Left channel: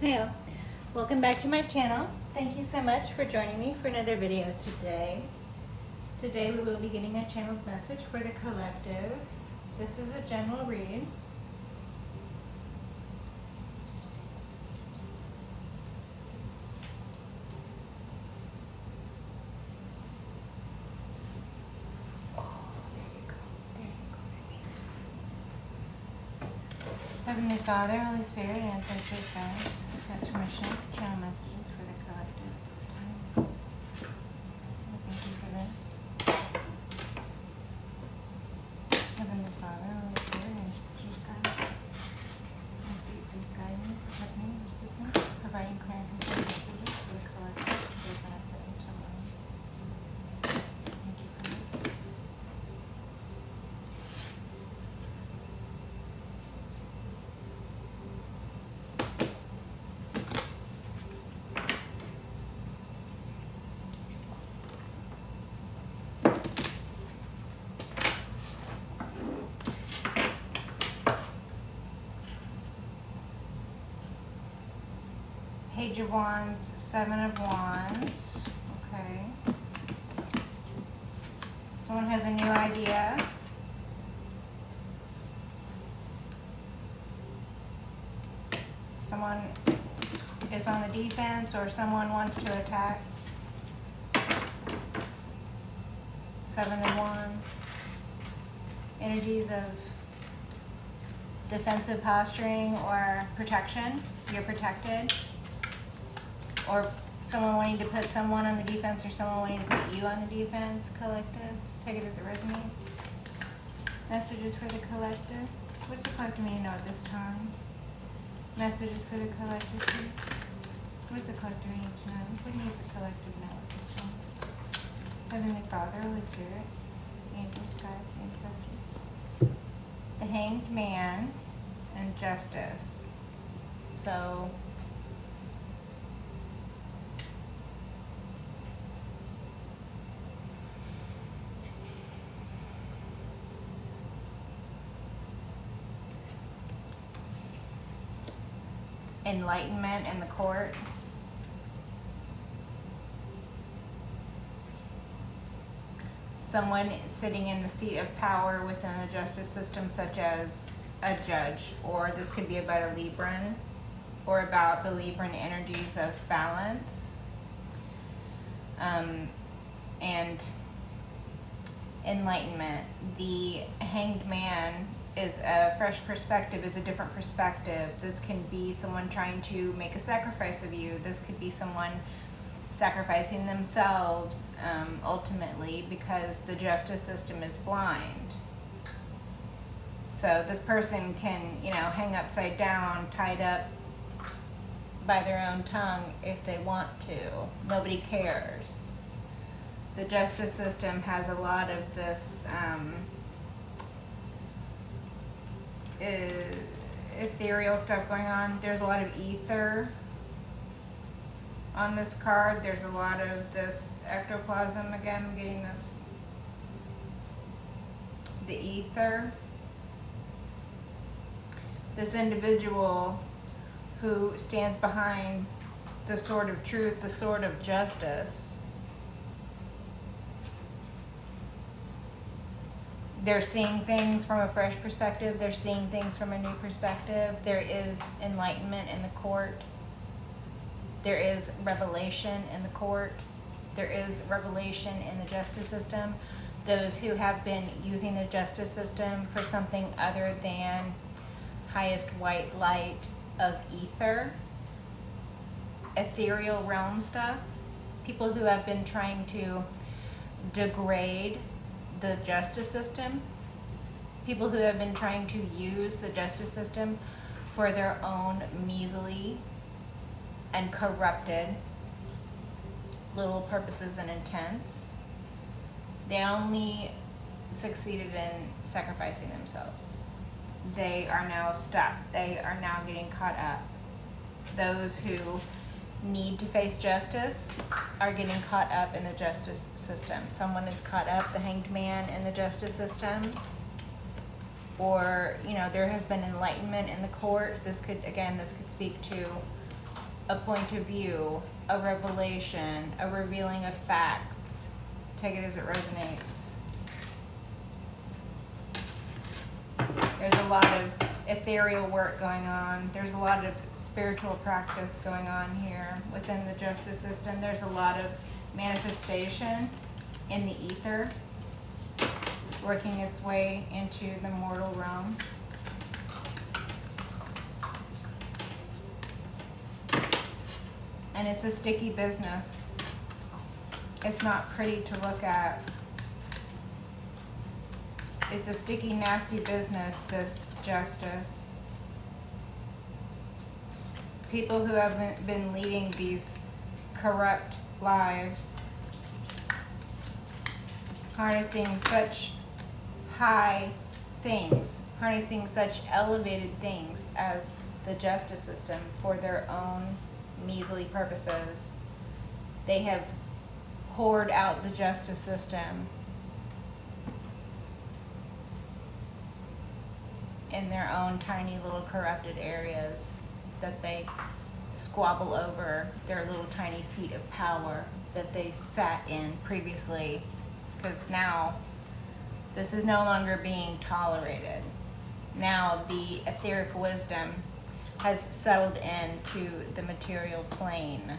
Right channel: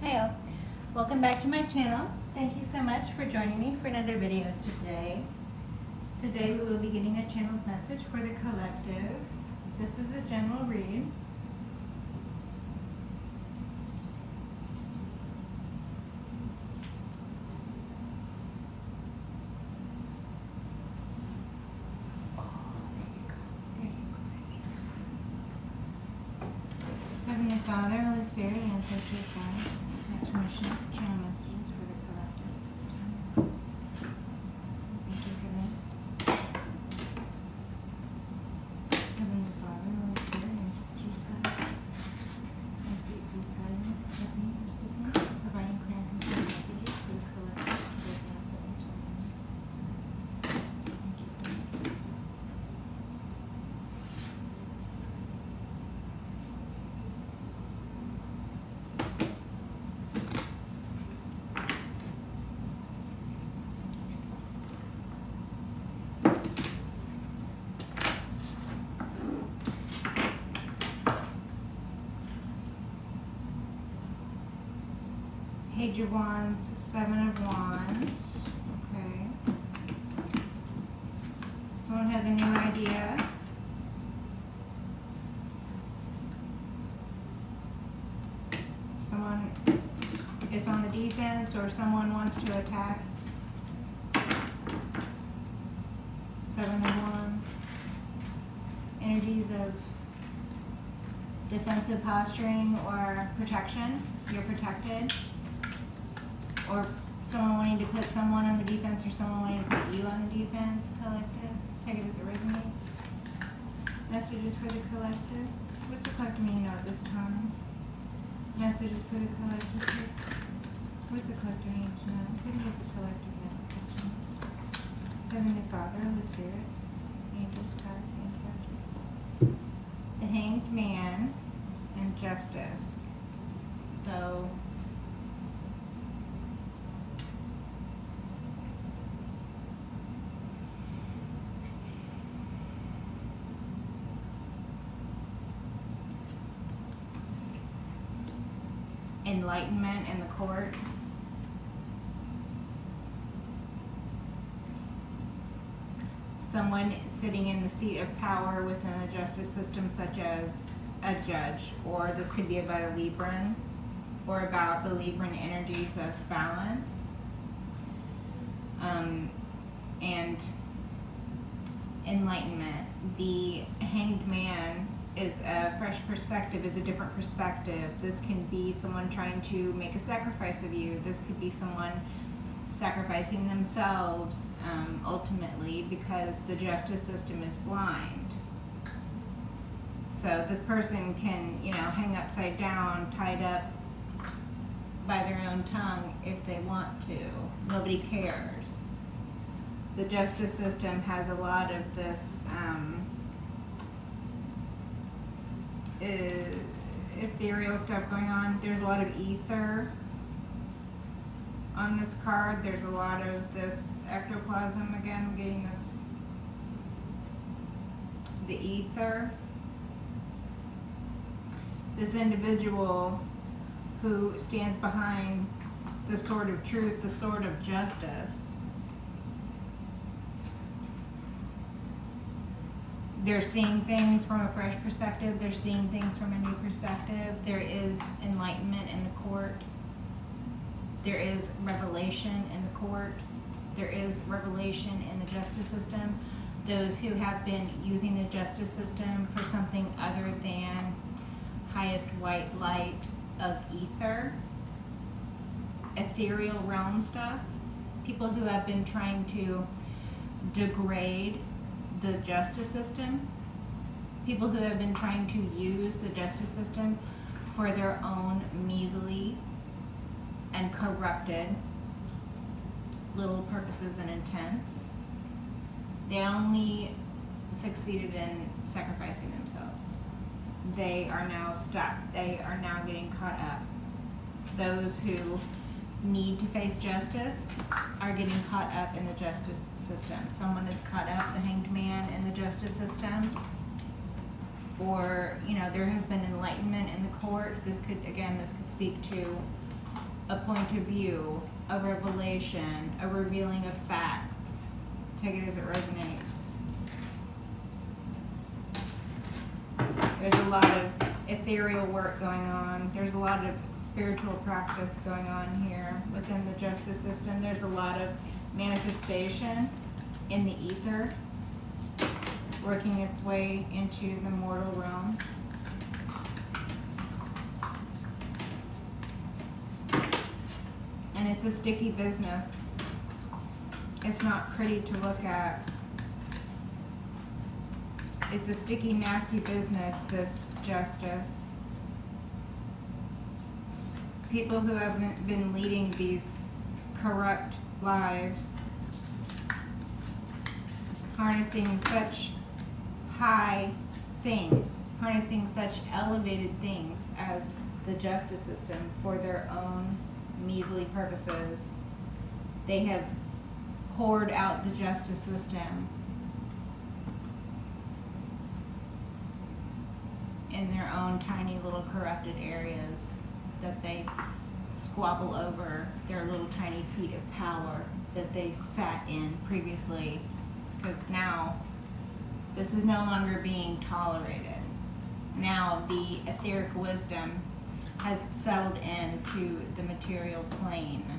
Hi all. Welcome back to my channel. Thank you so much for joining me for another video today. Today we will be getting a channeled message for the collective. This is a general read. Heavenly Father, Holy Spirit, ancestors, guides, ask permission to channel messages for the collective at this time. Thank you for this. Heavenly Father, Holy Spirit, ancestors, guides, I seek please guide me, protect me, assist me, providing clear and concise messages for the collective for the benefit of someone. Thank you for this. Page of Wands, Seven of Wands. Okay. Someone has a new idea. Someone is on the defense or someone wants to attack. Seven of Wands. Energies of defensive posturing or protection. You're protected. Or someone wanting to put someone on the defense or someone wanting to put you on the defense. Collective. Take it as it resonates. Messages for the collective. What does the collective need to know at this time? Messages for the collective, please. What does the collective need to know? What needs the collective to know at this time? Heavenly Father, Holy Spirit, angels, guides, ancestors. The Hanged Man and Justice. So, enlightenment in the court. Someone sitting in the seat of power within the justice system, such as a judge, or this could be about a Libran, or about the Libran energies of balance. And enlightenment. The Hanged Man is a fresh perspective, is a different perspective. This can be someone trying to make a sacrifice of you. This could be someone sacrificing themselves ultimately because the justice system is blind. So this person can, hang upside down, tied up by their own tongue if they want to. Nobody cares. The justice system has a lot of this ethereal stuff going on. There's a lot of ether on this card. There's a lot of this ectoplasm. Again, I'm getting this, the ether. This individual who stands behind the sword of truth, the sword of justice. They're seeing things from a fresh perspective. They're seeing things from a new perspective. There is enlightenment in the court. There is revelation in the court. There is revelation in the justice system. Those who have been using the justice system for something other than highest white light of ether, ethereal realm stuff. People who have been trying to degrade the justice system, people who have been trying to use the justice system for their own measly and corrupted little purposes and intents. They only succeeded in sacrificing themselves. They are now stuck. They are now getting caught up. Those who need to face justice are getting caught up in the justice system. Someone is caught up, the Hanged Man, in the justice system. Or, there has been enlightenment in the court. This could speak to a point of view, a revelation, a revealing of facts. Take it as it resonates. There's a lot of ethereal work going on. There's a lot of spiritual practice going on here within the justice system. There's a lot of manifestation in the ether, working its way into the mortal realm. And it's a sticky business. It's not pretty to look at. It's a sticky, nasty business, this justice. People who have been leading these corrupt lives, harnessing such high things, harnessing such elevated things as the justice system for their own measly purposes. They have poured out the justice system in their own tiny little corrupted areas that they squabble over, their little tiny seat of power that they sat in previously, because now this is no longer being tolerated. Now the etheric wisdom has settled into the material plane.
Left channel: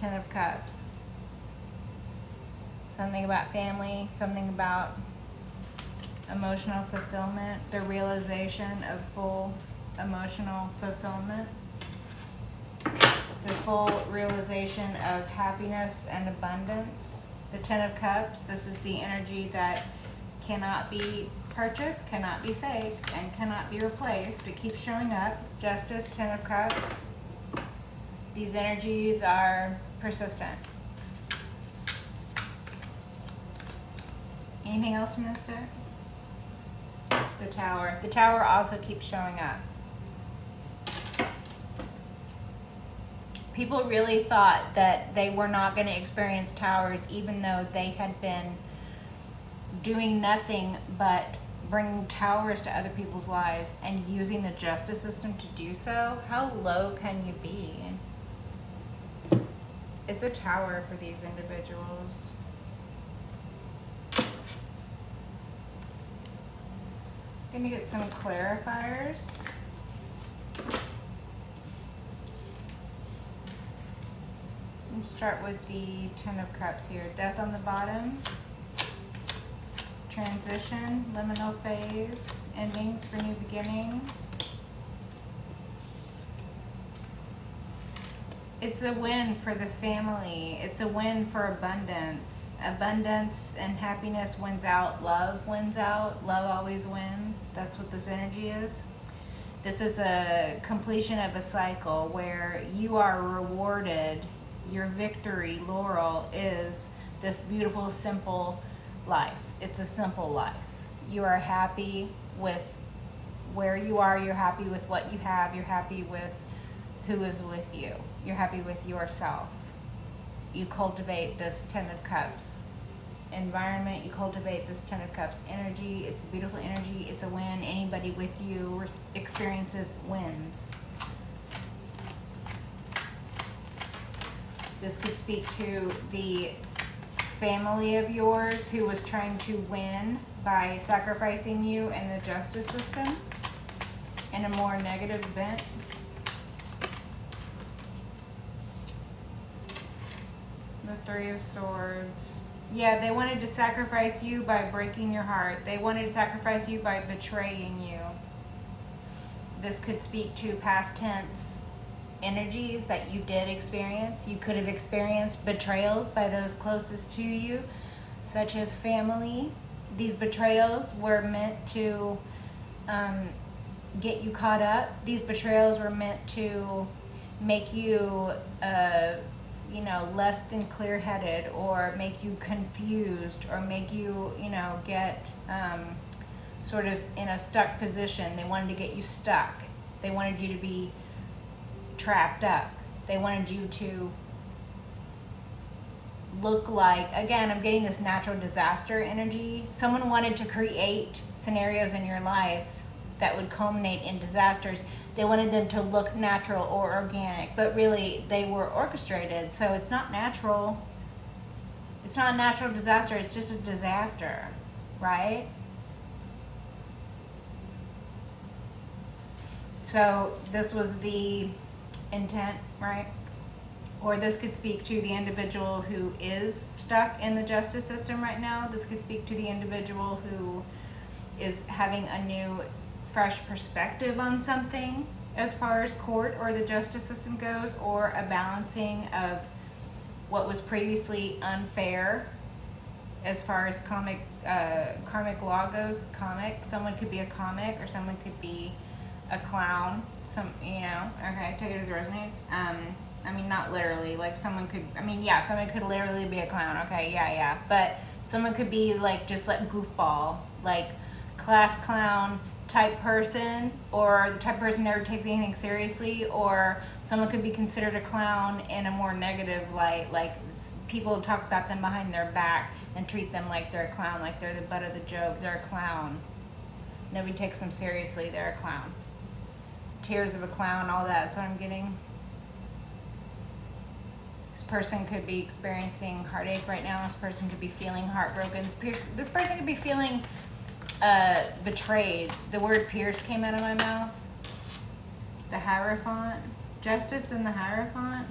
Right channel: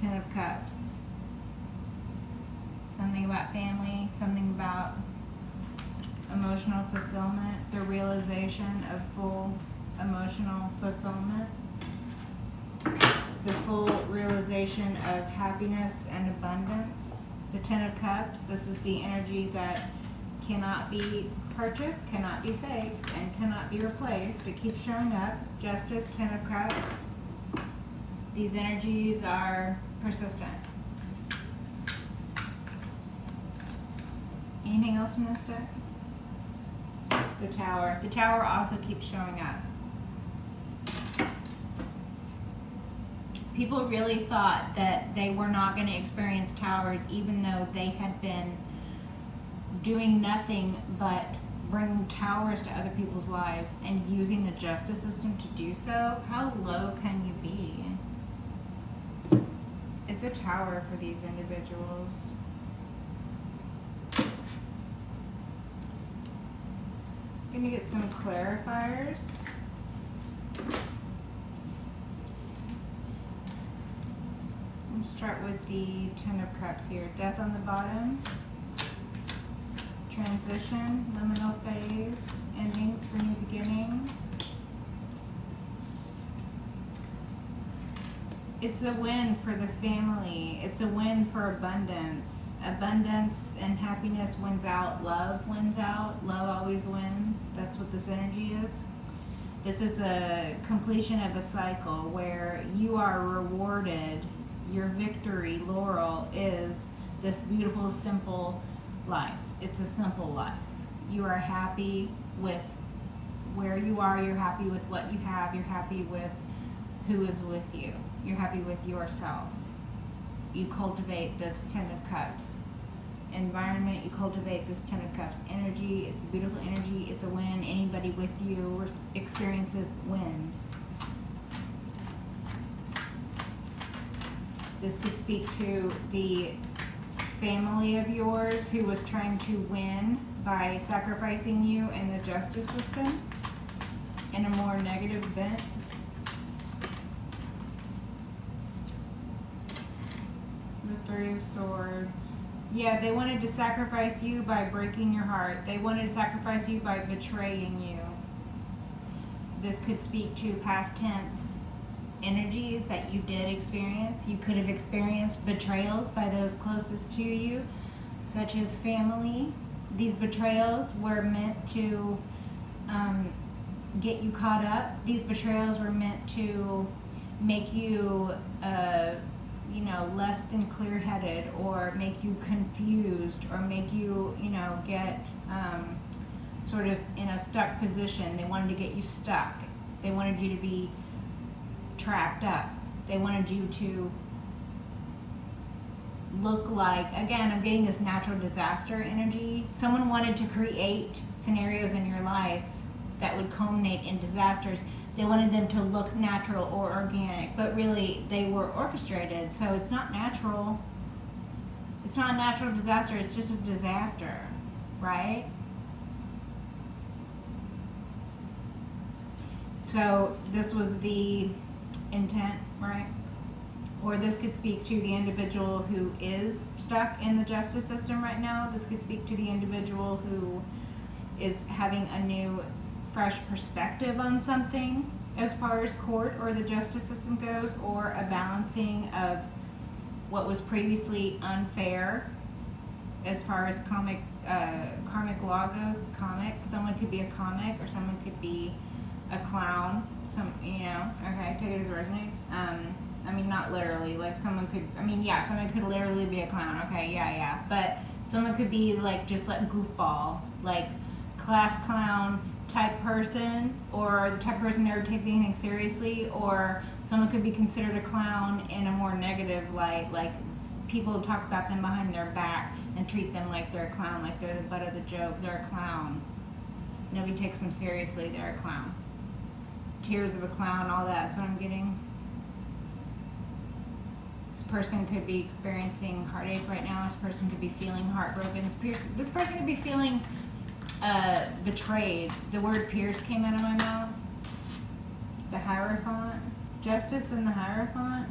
Ten of Cups. Something about family, something about emotional fulfillment, the realization of full emotional fulfillment, the full realization of happiness and abundance. The Ten of Cups, this is the energy that cannot be purchased, cannot be faked, and cannot be replaced. It keeps showing up. Justice, Ten of Cups. These energies are persistent. Anything else from this deck? The Tower. The Tower also keeps showing up. People really thought that they were not going to experience towers, even though they had been doing nothing but bringing towers to other people's lives and using the justice system to do so. How low can you be? It's a tower for these individuals. I'm gonna get some clarifiers. We'll start with the Ten of Cups here. Death on the bottom. Transition, liminal phase, endings for new beginnings. It's a win for the family. It's a win for abundance. Abundance and happiness wins out. Love wins out. Love always wins. That's what this energy is. This is a completion of a cycle where you are rewarded. Your victory, laurel, is this beautiful, simple life. It's a simple life. You are happy with where you are. You're happy with what you have. You're happy with who is with you. You're happy with yourself. You cultivate this Ten of Cups environment. You cultivate this Ten of Cups energy. It's a beautiful energy. It's a win. Anybody with you experiences wins. This could speak to the family of yours who was trying to win by sacrificing you in the justice system in a more negative bent. The Three of Swords. Yeah, they wanted to sacrifice you by breaking your heart. They wanted to sacrifice you by betraying you. This could speak to past tense energies that you did experience. You could have experienced betrayals by those closest to you, such as family. These betrayals were meant to get you caught up. These betrayals were meant to make you less than clear-headed, or make you confused, or make you, get sort of in a stuck position. They wanted to get you stuck. They wanted you to be trapped up. They wanted you to look like, again, I'm getting this natural disaster energy. Someone wanted to create scenarios in your life that would culminate in disasters. They wanted them to look natural or organic, but really they were orchestrated, so it's not natural. It's not a natural disaster, it's just a disaster, right? So this was the intent, right? Or this could speak to the individual who is stuck in the justice system right now. This could speak to the individual who is having a new, fresh perspective on something as far as court or the justice system goes, or a balancing of what was previously unfair as far as karmic law goes. Someone could be a comic, or someone could be a clown. Okay, take it as it resonates. I mean, not literally, like someone could literally be a clown, okay, yeah, but someone could be like, just like goofball, like class clown type person, or the type of person who never takes anything seriously, or someone could be considered a clown in a more negative light, like people talk about them behind their back and treat them like they're a clown, like they're the butt of the joke, they're a clown. Nobody takes them seriously, they're a clown. Tears of a clown, all that's what I'm getting. This person could be experiencing heartache right now. This person could be feeling heartbroken. This person could be feeling betrayed. The word pierce came out of my mouth. The Hierophant. Justice and the Hierophant.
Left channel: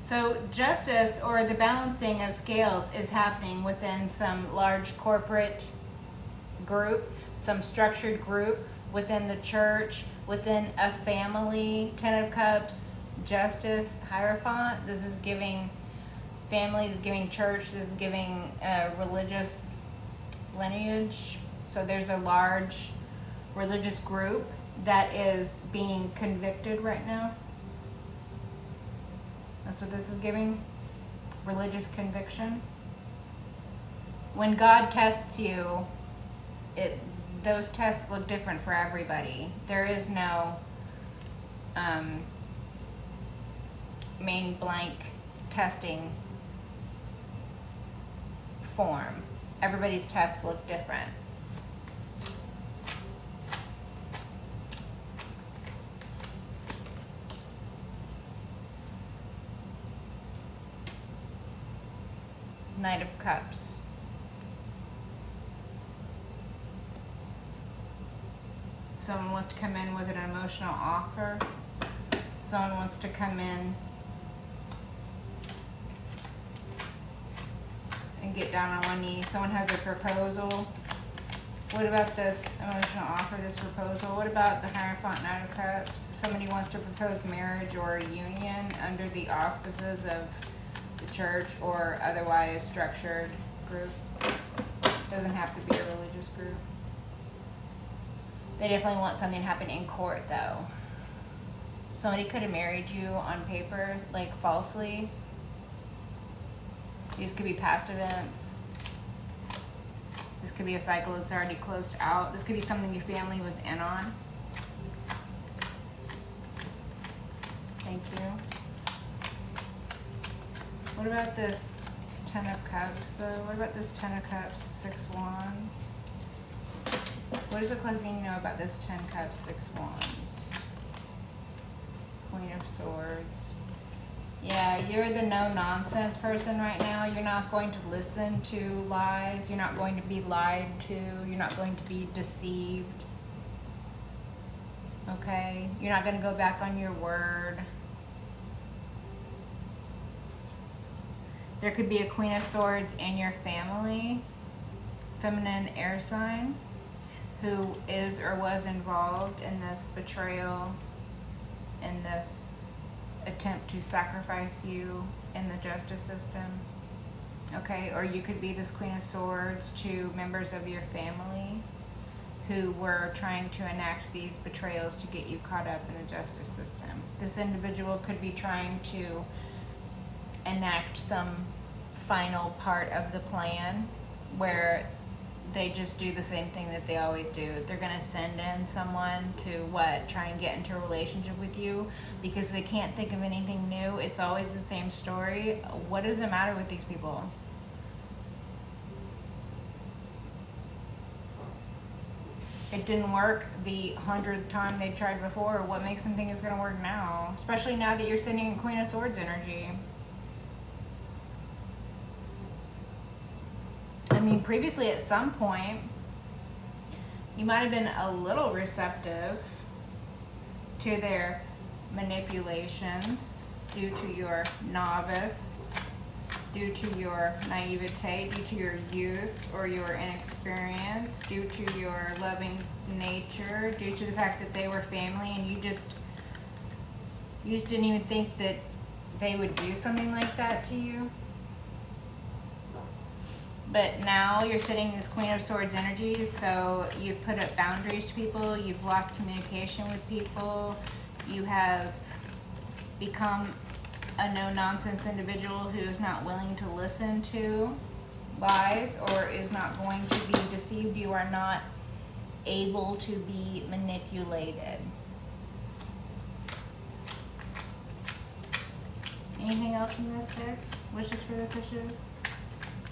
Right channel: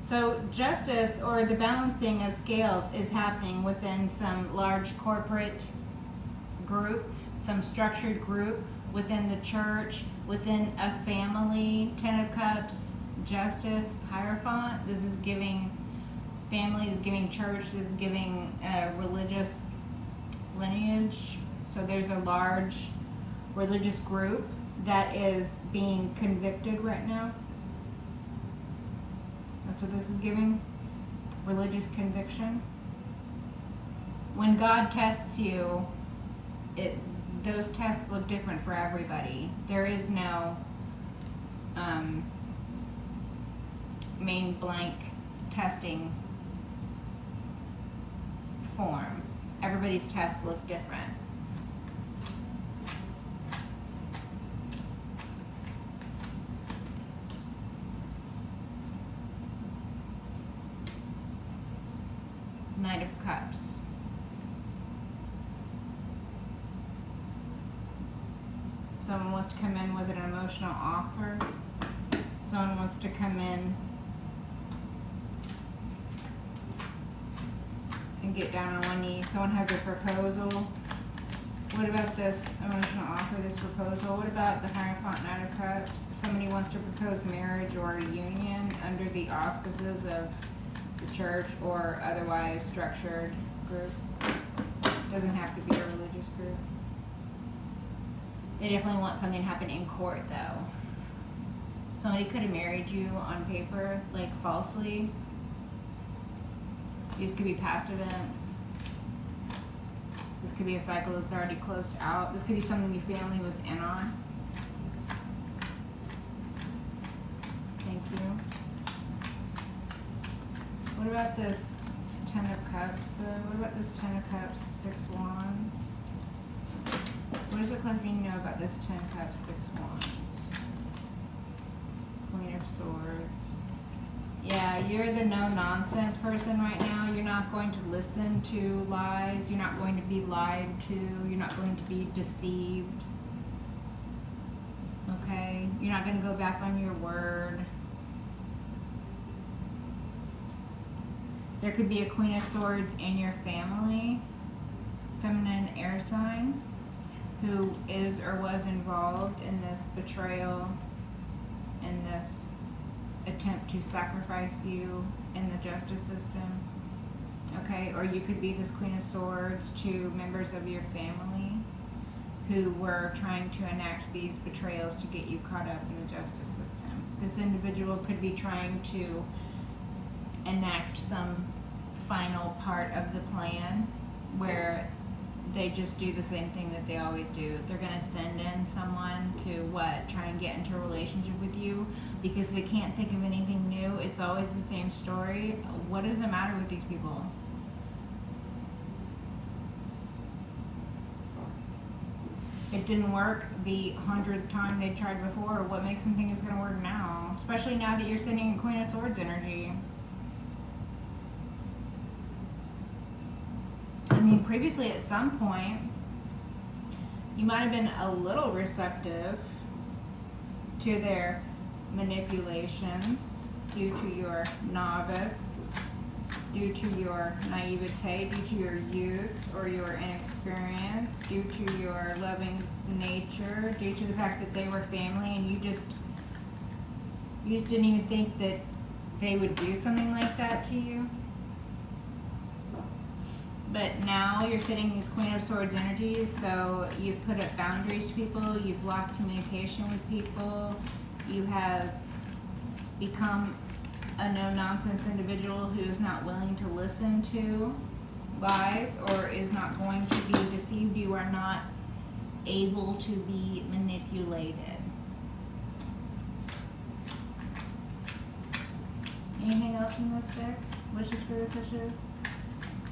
So justice, or the balancing of scales, is happening within some large corporate group, some structured group, within the church, within a family. Ten of Cups, Justice, Hierophant. This is giving family, this is giving church, this is giving religious lineage. So there's a large religious group that is being convicted right now. That's what this is giving. Religious conviction. When God tests you, those tests look different for everybody. There is no main blank testing form. Everybody's tests look different. Knight of Cups. Someone wants to come in with an emotional offer. Someone wants to come in and get down on one knee. Someone has a proposal. What about this emotional offer, this proposal? What about the Hierophant, Knight of Cups? Somebody wants to propose marriage or a union under the auspices of the church or otherwise structured group. Doesn't have to be a religious group. They definitely want something to happen in court, though. Somebody could have married you on paper, like falsely. These could be past events. This could be a cycle that's already closed out. This could be something your family was in on. Thank you. What about this Ten of Cups, though? What about this Ten of Cups, Six Wands? What does the collecting know about this 10 Cups, 6 Wands? Queen of Swords. Yeah, you're the no-nonsense person right now. You're not going to listen to lies. You're not going to be lied to. You're not going to be deceived. Okay? You're not going to go back on your word. There could be a Queen of Swords in your family, feminine air sign, who is or was involved in this betrayal, in this attempt to sacrifice you in the justice system. Okay, or you could be this Queen of Swords to members of your family who were trying to enact these betrayals to get you caught up in the justice system. This individual could be trying to enact some final part of the plan where they just do the same thing that they always do. They're going to send in someone to try and get into a relationship with you because they can't think of anything new. It's always the same story. What is the matter with these people? it didn't work the 100th time they tried before. What makes them think it's going to work now? Especially now that you're sitting in Queen of Swords energy. I mean, previously at some point, you might have been a little receptive to their manipulations due to your novice, due to your naivete, due to your youth or your inexperience, due to your loving nature, due to the fact that they were family and you just didn't even think that they would do something like that to you. But now you're sitting in this Queen of Swords energy, so you've put up boundaries to people, you've blocked communication with people, you have become a no-nonsense individual who is not willing to listen to lies or is not going to be deceived. You are not able to be manipulated. Anything else from this deck? Wishes for the fishes?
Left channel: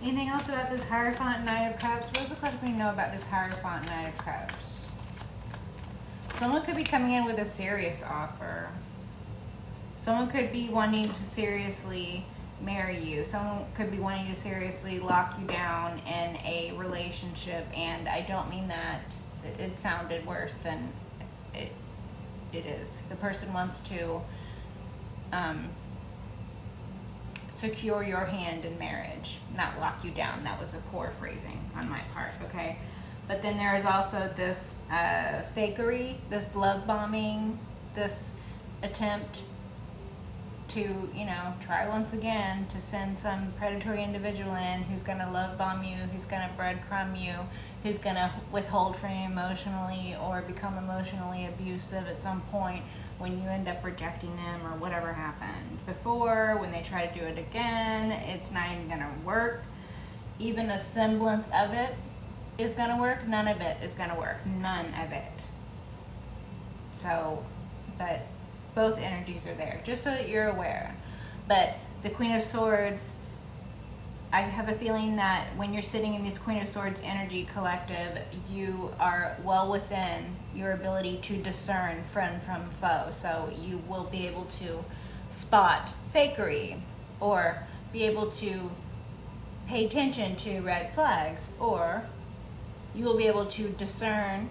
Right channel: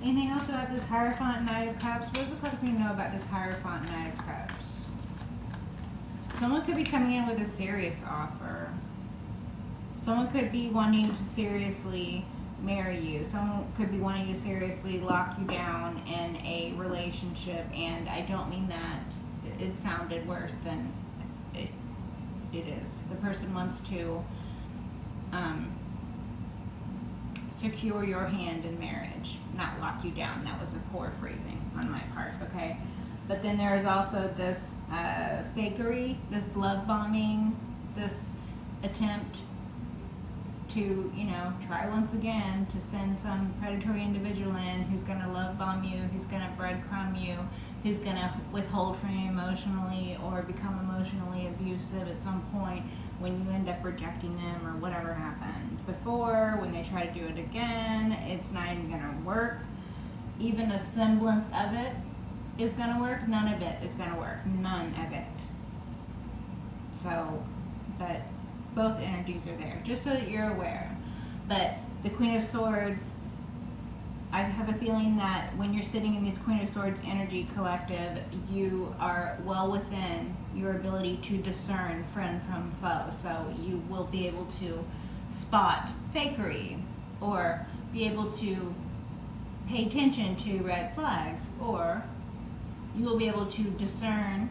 Anything else about this Hierophant Knight of Cups? What does the collective know about this Hierophant Knight of Cups? Someone could be coming in with a serious offer. Someone could be wanting to seriously marry you. Someone could be wanting to seriously lock you down in a relationship. And I don't mean that it sounded worse than it is. The person wants to secure your hand in marriage, not lock you down. That was a poor phrasing on my part, okay? But then there is also this fakery, this love bombing, this attempt to, you know, try once again to send some predatory individual in who's going to love bomb you, who's going to breadcrumb you, who's going to withhold from you emotionally or become emotionally abusive at some point when you end up rejecting them or whatever happened before. When they try to do it again, it's not even going to work. Even a semblance of it is going to work. None of it is going to work. None of it. So, but both energies are there, just so that you're aware. But the Queen of Swords, I have a feeling that when you're sitting in this Queen of Swords energy collective, you are well within your ability to discern friend from foe. So you will be able to spot fakery, or be able to pay attention to red flags, or you will be able to discern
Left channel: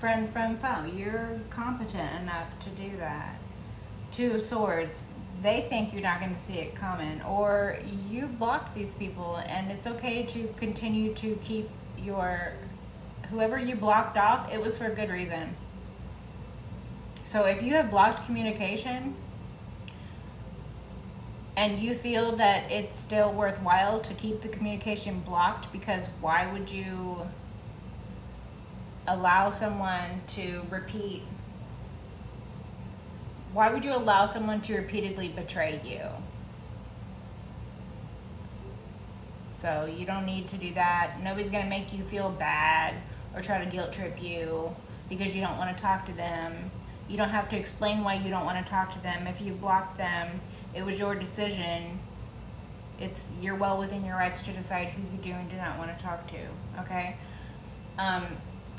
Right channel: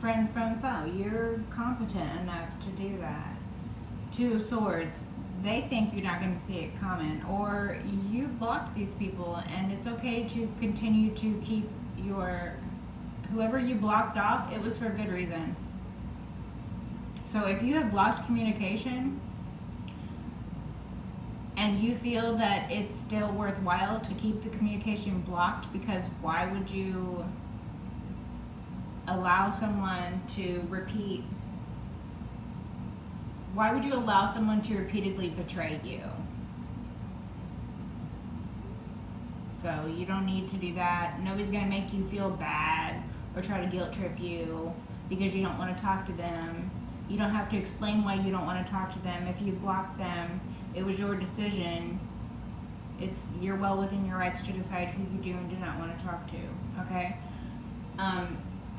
friend from foe. You're competent enough to do that. Two of Swords, they think you're not going to see it coming, or you've blocked these people, and it's okay to continue to keep your, whoever you blocked off, it was for a good reason. So if you have blocked communication and you feel that it's still worthwhile to keep the communication blocked, because why would you allow someone to repeat? Why would you allow someone to repeatedly betray you? So you don't need to do that. Nobody's going to make you feel bad or try to guilt trip you because you don't want to talk to them. You don't have to explain why you don't want to talk to them. If you block them, it was your decision. You're well within your rights to decide who you do and do not want to talk to, okay?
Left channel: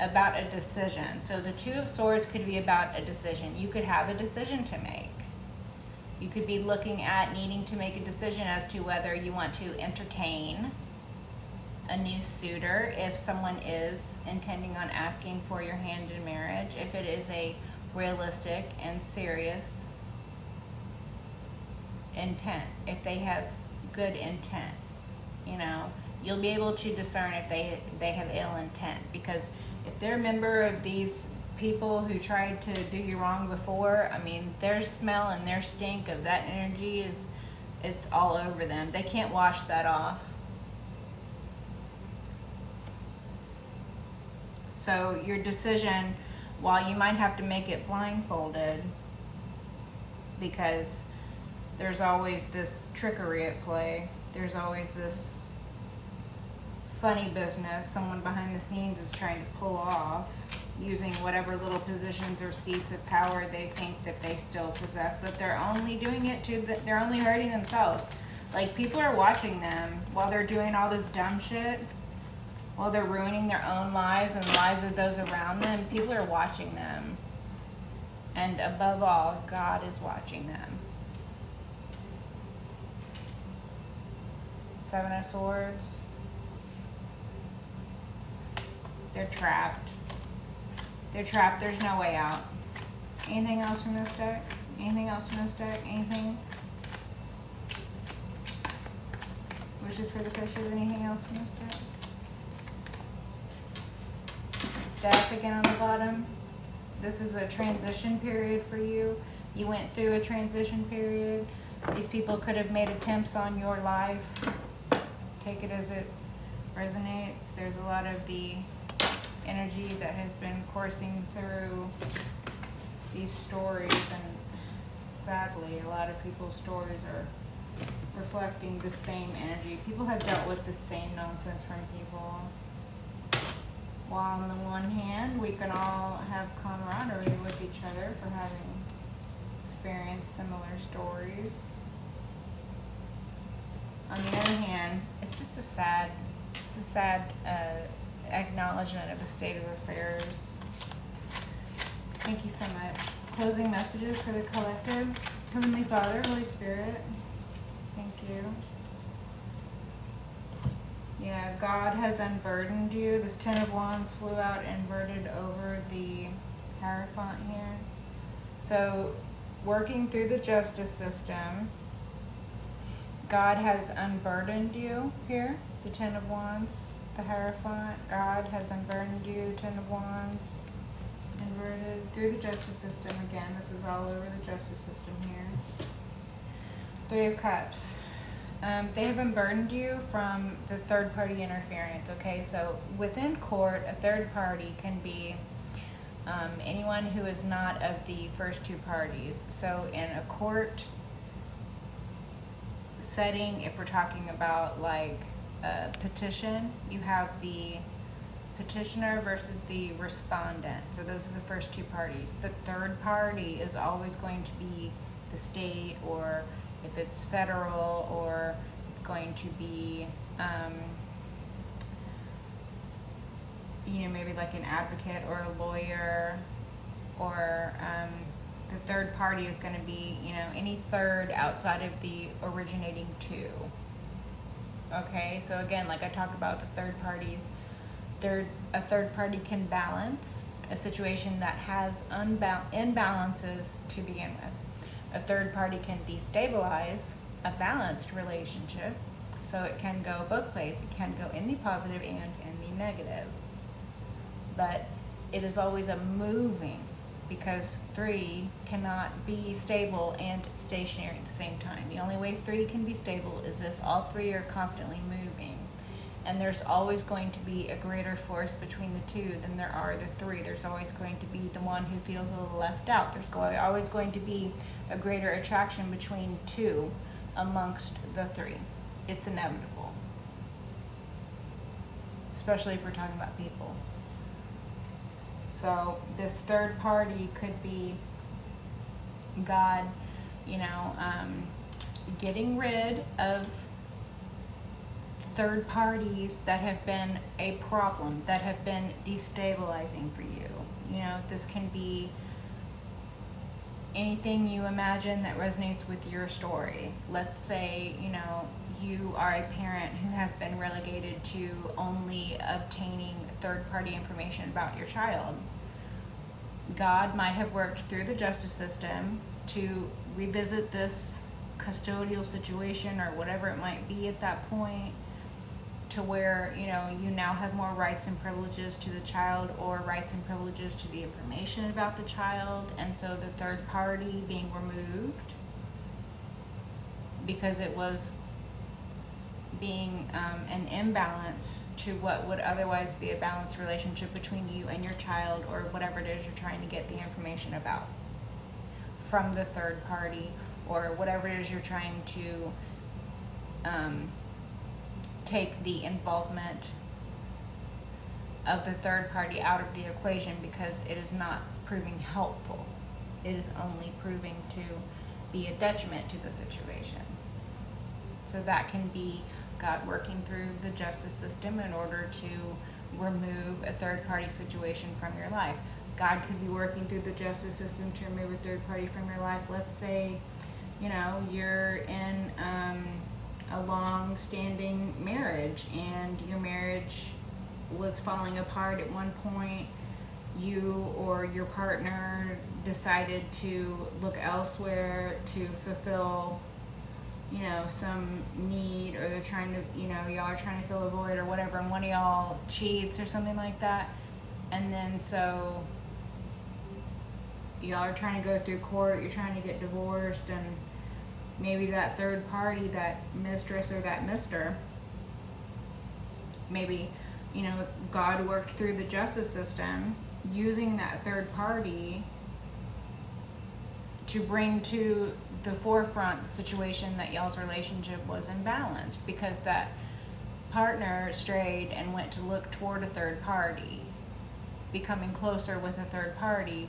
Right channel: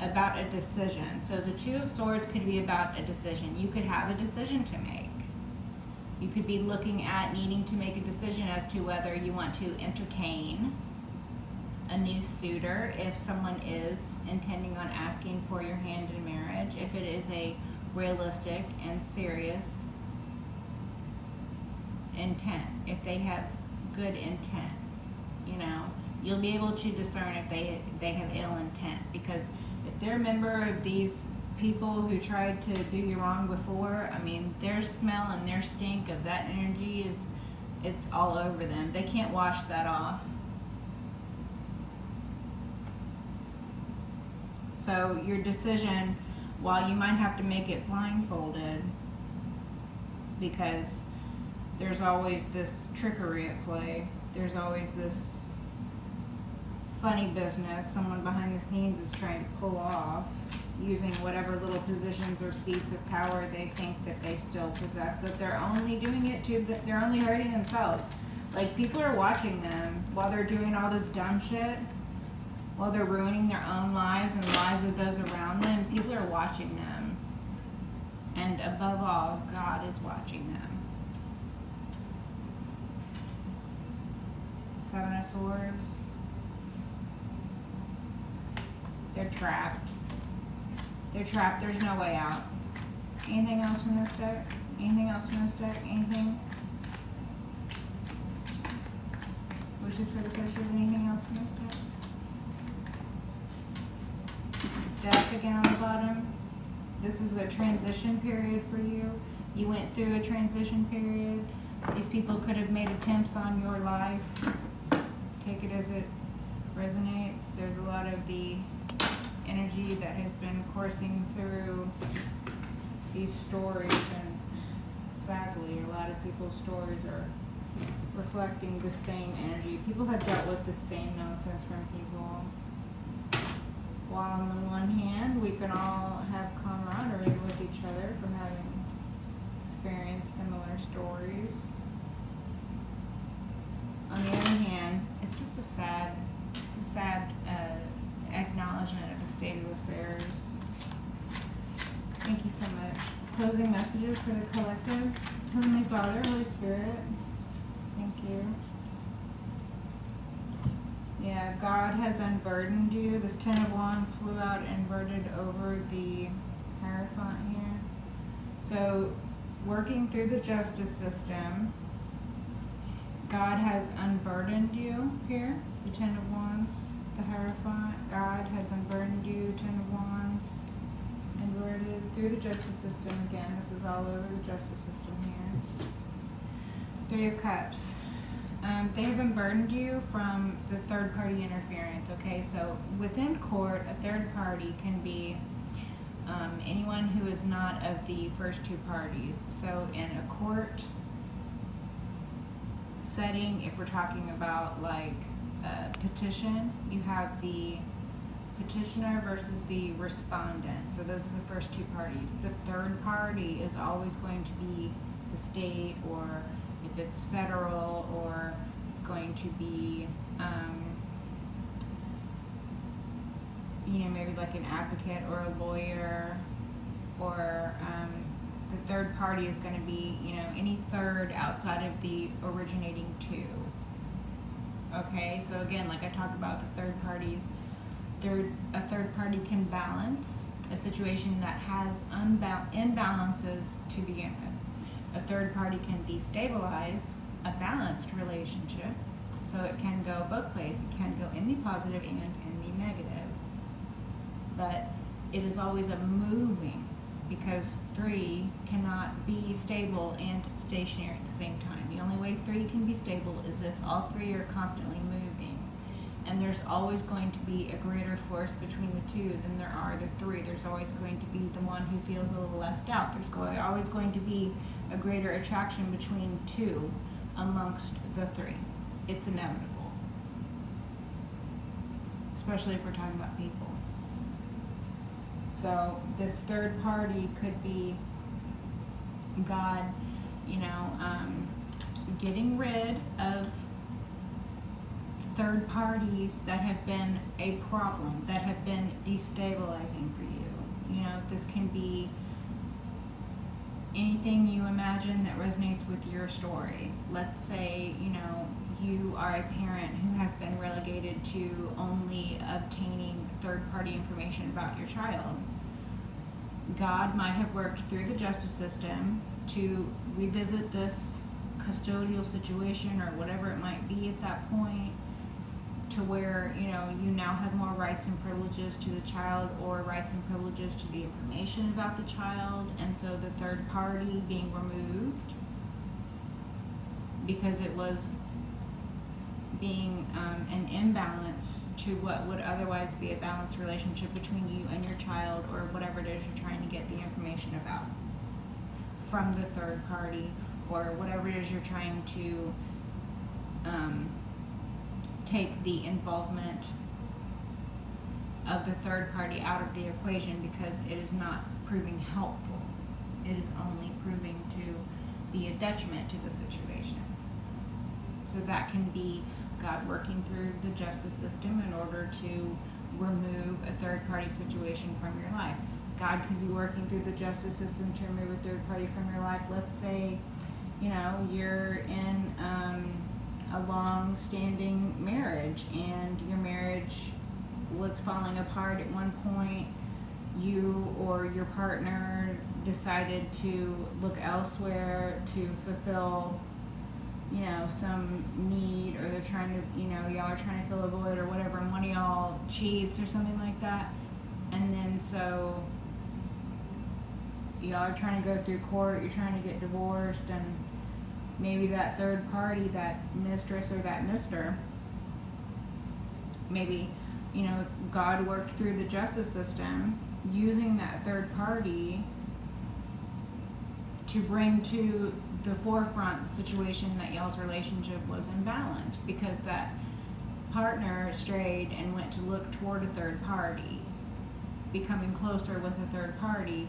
About a decision. So the Two of Swords could be about a decision. You could have a decision to make. You could be looking at needing to make a decision as to whether you want to entertain a new suitor, if someone is intending on asking for your hand in marriage, if it is a realistic and serious intent, if they have good intent, you know, you'll be able to discern if they have ill intent, because if they're a member of these people who tried to do you wrong before, I mean, their smell and their stink of that energy it's all over them. They can't wash that off. So your decision, while you might have to make it blindfolded, because there's always this trickery at play, there's always this funny business someone behind the scenes is trying to pull off, using whatever little positions or seats of power they think that they still possess, but they're only doing it they're only hurting themselves. Like, people are watching them while they're doing all this dumb shit, while they're ruining their own lives and the lives of those around them, people are watching them. And above all, God is watching them. Seven of Swords. They're trapped. They're trapped. There's no way out. Anything else from this deck? Anything else from this deck? Anything? Wishes for the fishes. Anything else from this deck? Death again on the bottom. This is a transition period for you. You went through a transition period. These people could have made attempts on your life. Take it as it resonates. There's a lot of the energy that has been coursing through these stories, and sadly, a lot of people's stories are reflecting the same energy. People have dealt with the same nonsense from people. While on the one hand, we can all have camaraderie with each other for having experienced similar stories. On the other hand, it's just a sad acknowledgement of the state of affairs. Thank you so much. Closing messages for the collective. Heavenly Father, Holy Spirit, thank you. Yeah, God has unburdened you. This Ten of Wands flew out inverted over the Hierophant here. So, working through the justice system, God has unburdened you here. The Ten of Wands, the Hierophant. God has unburdened you. The Ten of Wands inverted through the justice system again. This is all over the justice system here. Three of Cups. They have unburdened you from the third party interference, okay? So within court, a third party can be anyone who is not of the first two parties. So in a court setting, if we're talking about like a petition, you have the petitioner versus the respondent. So those are the first two parties. The third party is always going to be the state, or if it's federal, or it's going to be, maybe like an advocate or a lawyer, or the third party is going to be, any third outside of the originating two. Okay, so again, like I talked about the third parties, a third party can balance a situation that has imbalances to begin with. A third party can destabilize a balanced relationship, so it can go both ways. It can go in the positive and in the negative. But it is always a moving, because three cannot be stable and stationary at the same time. The only way three can be stable is if all three are constantly moving. And there's always going to be a greater force between the two than there are the three. There's always going to be the one who feels a little left out. There's always going to be a greater attraction between two amongst the three. It's inevitable. Especially if we're talking about people. So this third party could be God, getting rid of third parties that have been a problem, that have been destabilizing for you. This can be anything you imagine that resonates with your story. Let's say, you are a parent who has been relegated to only obtaining third-party information about your child. God might have worked through the justice system to revisit this custodial situation or whatever it might be at that point, to where you now have more rights and privileges to the child, or rights and privileges to the information about the child, and so the third party being removed because it was being an imbalance to what would otherwise be a balanced relationship between you and your child, or whatever it is you're trying to get the information about from the third party, or whatever it is you're trying to take the involvement of the third party out of the equation, because it is not proving helpful. It is only proving to be a detriment to the situation. So that can be God working through the justice system in order to remove a third party situation from your life. God could be working through the justice system to remove a third party from your life. Let's say, you're in a long-standing marriage and your marriage was falling apart at one point. You or your partner decided to look elsewhere to fulfill some need, or they're trying to, y'all are trying to fill a void or whatever, and one of y'all cheats or something like that. And then so y'all are trying to go through court, you're trying to get divorced, and maybe that third party, that mistress or that mister, maybe, God worked through the justice system using that third party to bring to the forefront the situation that y'all's relationship was imbalanced, because that partner strayed and went to look toward a third party, becoming closer with a third party,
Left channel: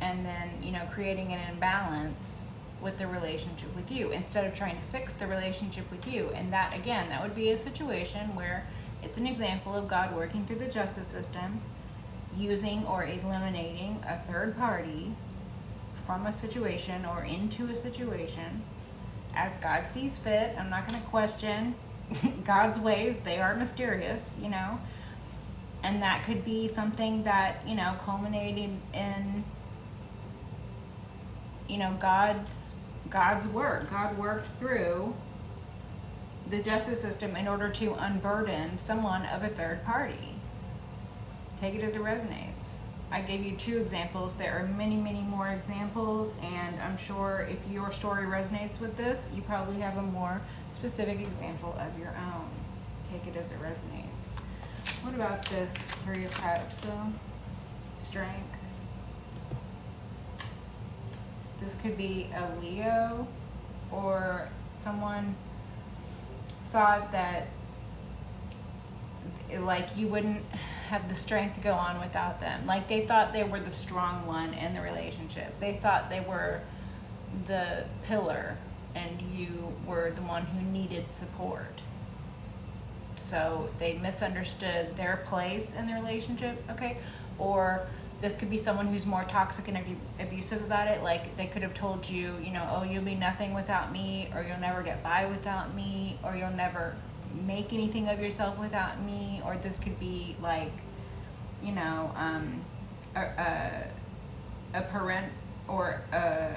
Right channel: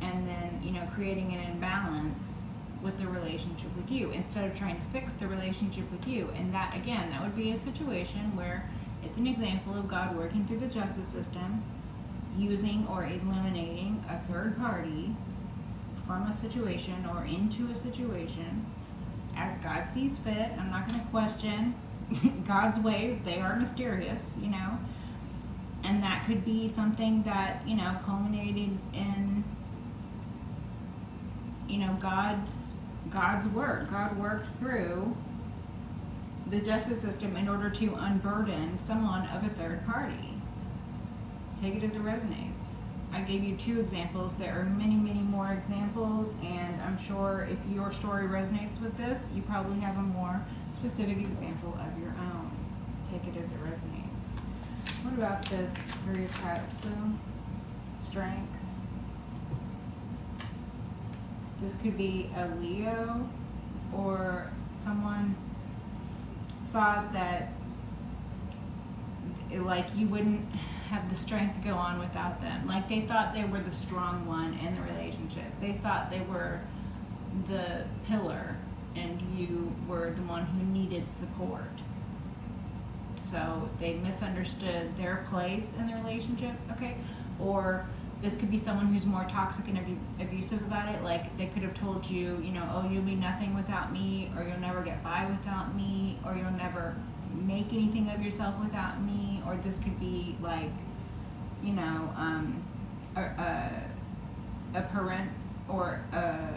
and then creating an imbalance with the relationship with you instead of trying to fix the relationship with you. And that, again, that would be a situation where it's an example of God working through the justice system, using or eliminating a third party from a situation or into a situation as God sees fit. I'm not going to question God's ways. They are mysterious, and that could be something that, culminated in, God's work. God worked through the justice system in order to unburden someone of a third party. Take it as it resonates. I gave you 2 examples. There are many, many more examples, and I'm sure if your story resonates with this, you probably have a more specific example of your own. Take it as it resonates. What about this 3 of Cups, though? Strength. This could be a Leo, or someone thought that you wouldn't have the strength to go on without them. Like they thought they were the strong one in the relationship. They thought they were the pillar and you were the one who needed support. So they misunderstood their place in the relationship, okay? Or this could be someone who's more toxic and abusive about it. Like they could have told you, oh, you'll be nothing without me, or you'll never get by without me, or you'll never make anything of yourself without me. Or this could be like, a parent or a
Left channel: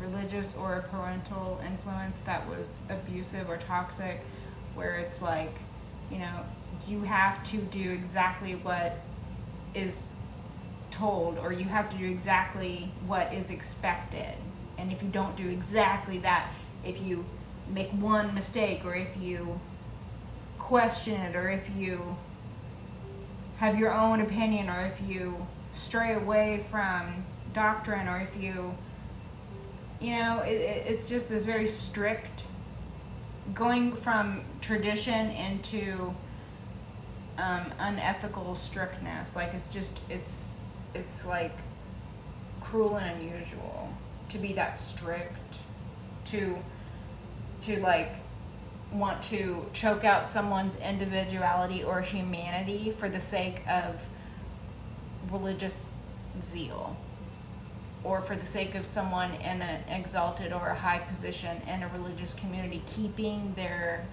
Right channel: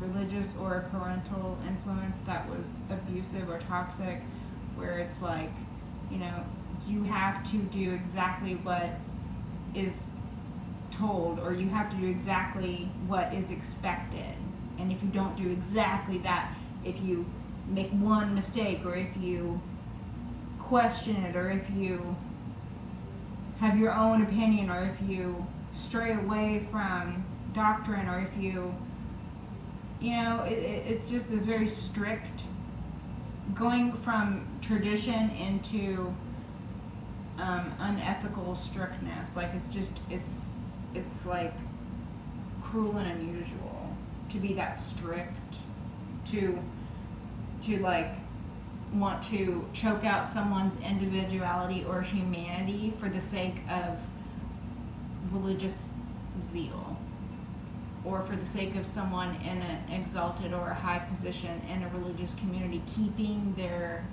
religious or a parental influence that was abusive or toxic, where it's like, you have to do exactly what is told, or you have to do exactly what is expected. And if you don't do exactly that, if you make one mistake, or if you question it, or if you have your own opinion, or if you stray away from doctrine, or if you, it's just this very strict, going from tradition into unethical strictness. Like it's like cruel and unusual to be that strict, to like want to choke out someone's individuality or humanity for the sake of religious zeal, or for the sake of someone in an exalted or a high position in a religious community keeping their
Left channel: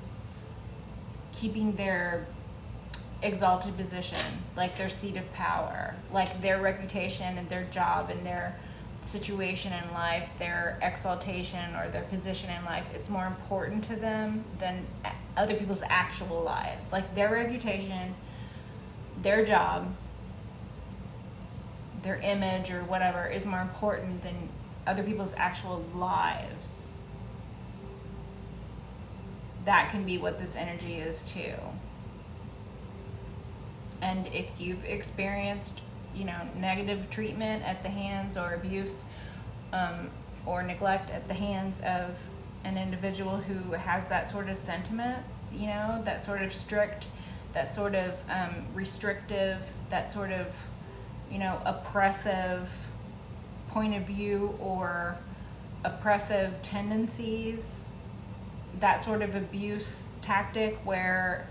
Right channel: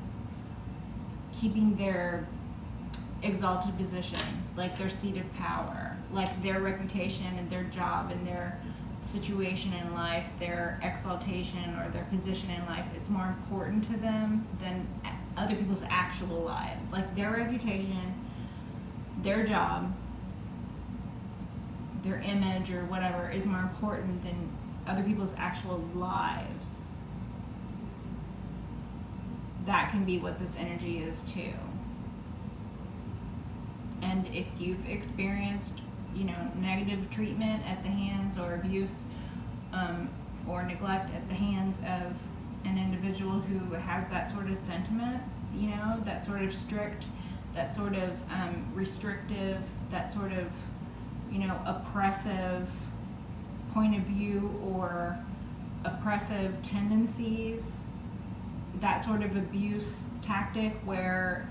exalted position, like their seat of power, like their reputation and their job and their situation in life, their exaltation or their position in life. It's more important to them than other people's actual lives. Like their reputation, their job, their image or whatever is more important than other people's actual lives. That can be what this energy is too. And if you've experienced, negative treatment at the hands, or abuse or neglect at the hands of an individual who has that sort of sentiment, that sort of strict, that sort of restrictive, that sort of, oppressive point of view or oppressive tendencies, that sort of abuse tactic where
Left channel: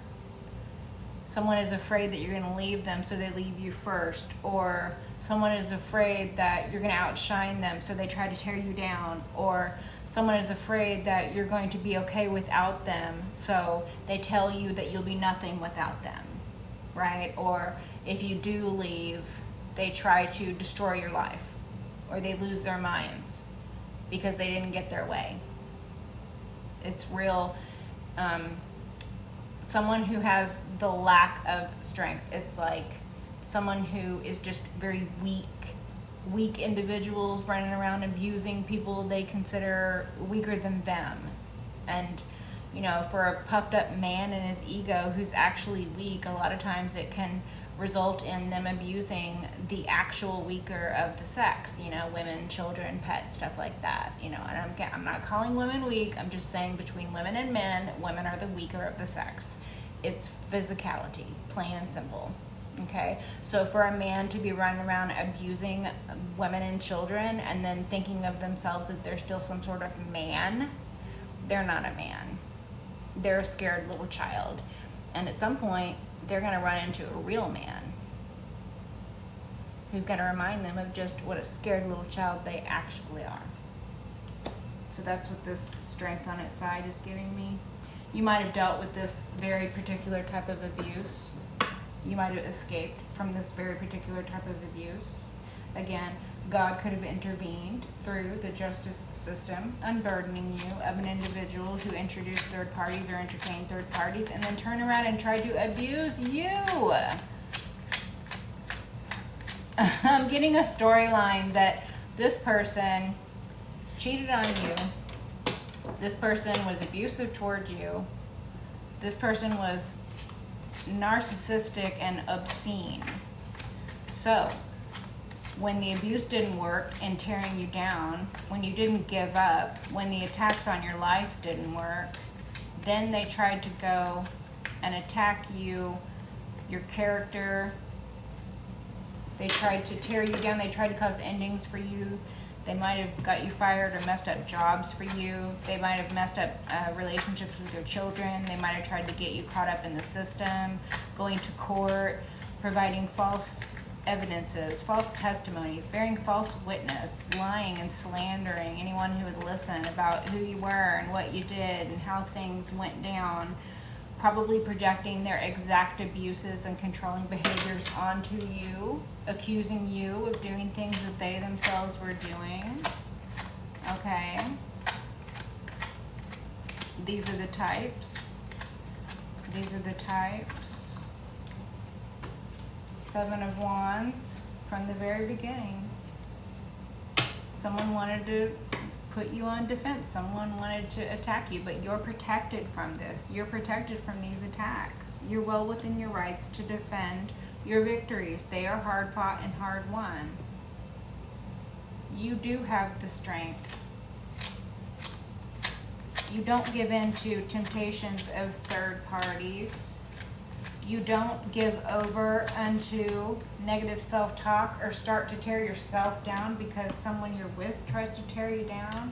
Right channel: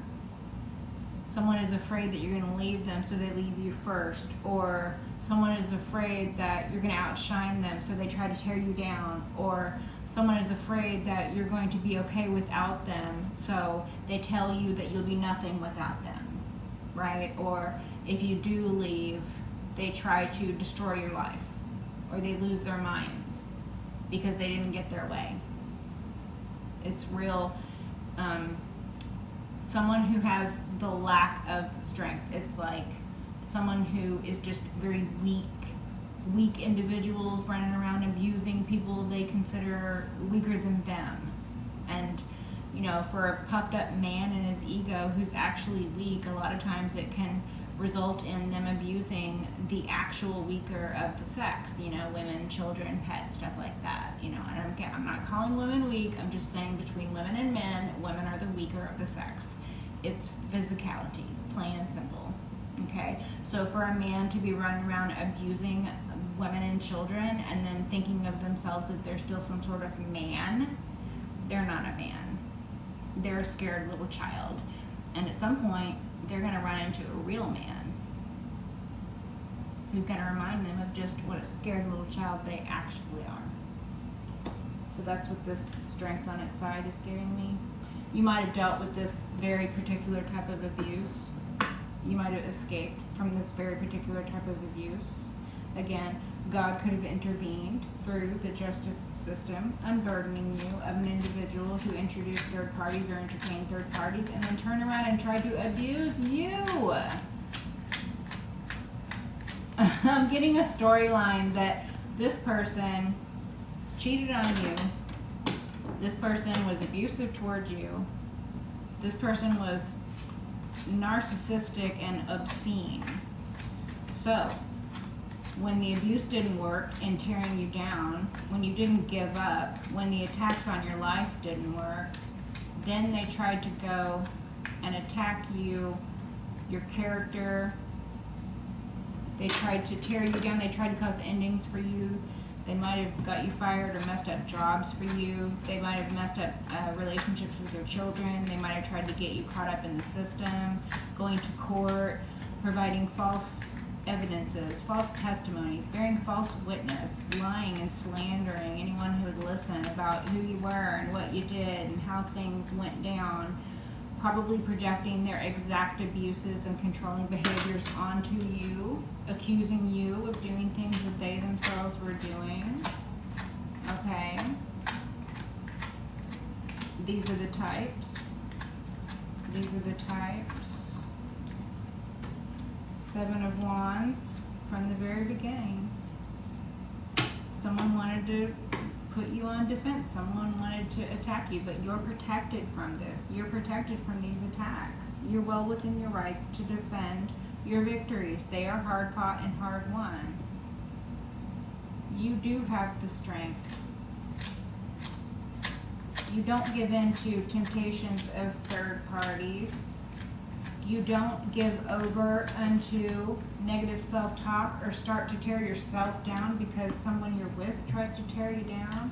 someone is afraid that you're going to leave them, so they leave you first, or someone is afraid that you're going to outshine them, so they try to tear you down, or someone is afraid that you're going to be okay without them, so they tell you that you'll be nothing without them, right? Or if you do leave, they try to destroy your life, or they lose their minds because they didn't get their way. It's real. Someone who has the lack of strength. It's like someone who is just very weak individuals running around abusing people they consider weaker than them. And, you know, for a puffed up man in his ego who's actually weak, a lot of times it can result in them abusing the actual weaker of the sex, you know, women, children, pets, stuff like that, you know. And I'm not calling women weak, I'm just saying between women and men, women are the weaker of the sex. It's physicality, plain and simple, okay? So for a man to be running around abusing women and children and then thinking of themselves that they're still some sort of man, they're not a man. They're a scared little child. And at some point, they're going to run into a real man who's going to remind them of just what a scared little child they actually are. So that's what this strength on its side is giving me. You might have dealt with this very particular type of abuse. You might have escaped from this very particular type of abuse. Again, God could have intervened through the justice system, unburdening you of an individual who introduced third parties or entertained third parties and then turned around and tried to abuse you. I'm getting a storyline that this person cheated on you. This person was abusive towards you. This person was narcissistic and obscene. So, when the abuse didn't work in tearing you down, when you didn't give up, when the attacks on your life didn't work, then they tried to go and attack you, your character. They tried to tear you down. They tried to cause endings for you. They might have got you fired or messed up jobs for you. They might have messed up relationships with your children. They might have tried to get you caught up in the system, going to court, providing false evidences, false testimonies, bearing false witness, lying and slandering anyone who would listen about who you were and what you did and how things went down, probably projecting their exact abuses and controlling behaviors onto you, accusing you of doing things that they themselves were doing. Okay. These are the types. These are the types. Seven of Wands from the very beginning. Someone wanted to put you on defense. Someone wanted to attack you, but you're protected from this. You're protected from these attacks. You're well within your rights to defend your victories. They are hard fought and hard won. You do have the strength. You don't give in to temptations of third parties. You don't give over unto negative self-talk or start to tear yourself down because someone you're with tries to tear you down.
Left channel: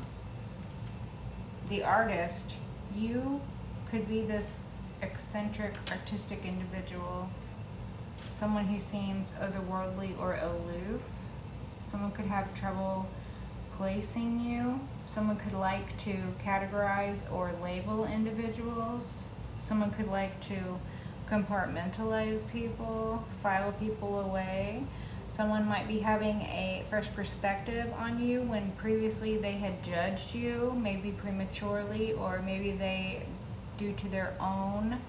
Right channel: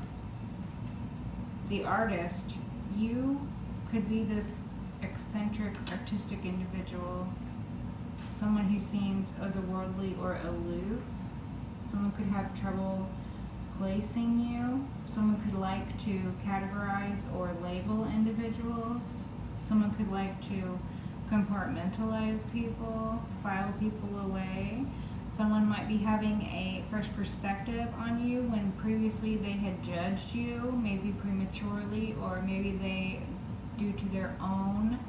The artist, you could be this eccentric, artistic individual, someone who seems otherworldly or aloof. Someone could have trouble placing you. Someone could like to categorize or label individuals. Someone could like to compartmentalize people, file people away. Someone might be having a fresh perspective on you when previously they had judged you, maybe prematurely, or maybe they, due to their own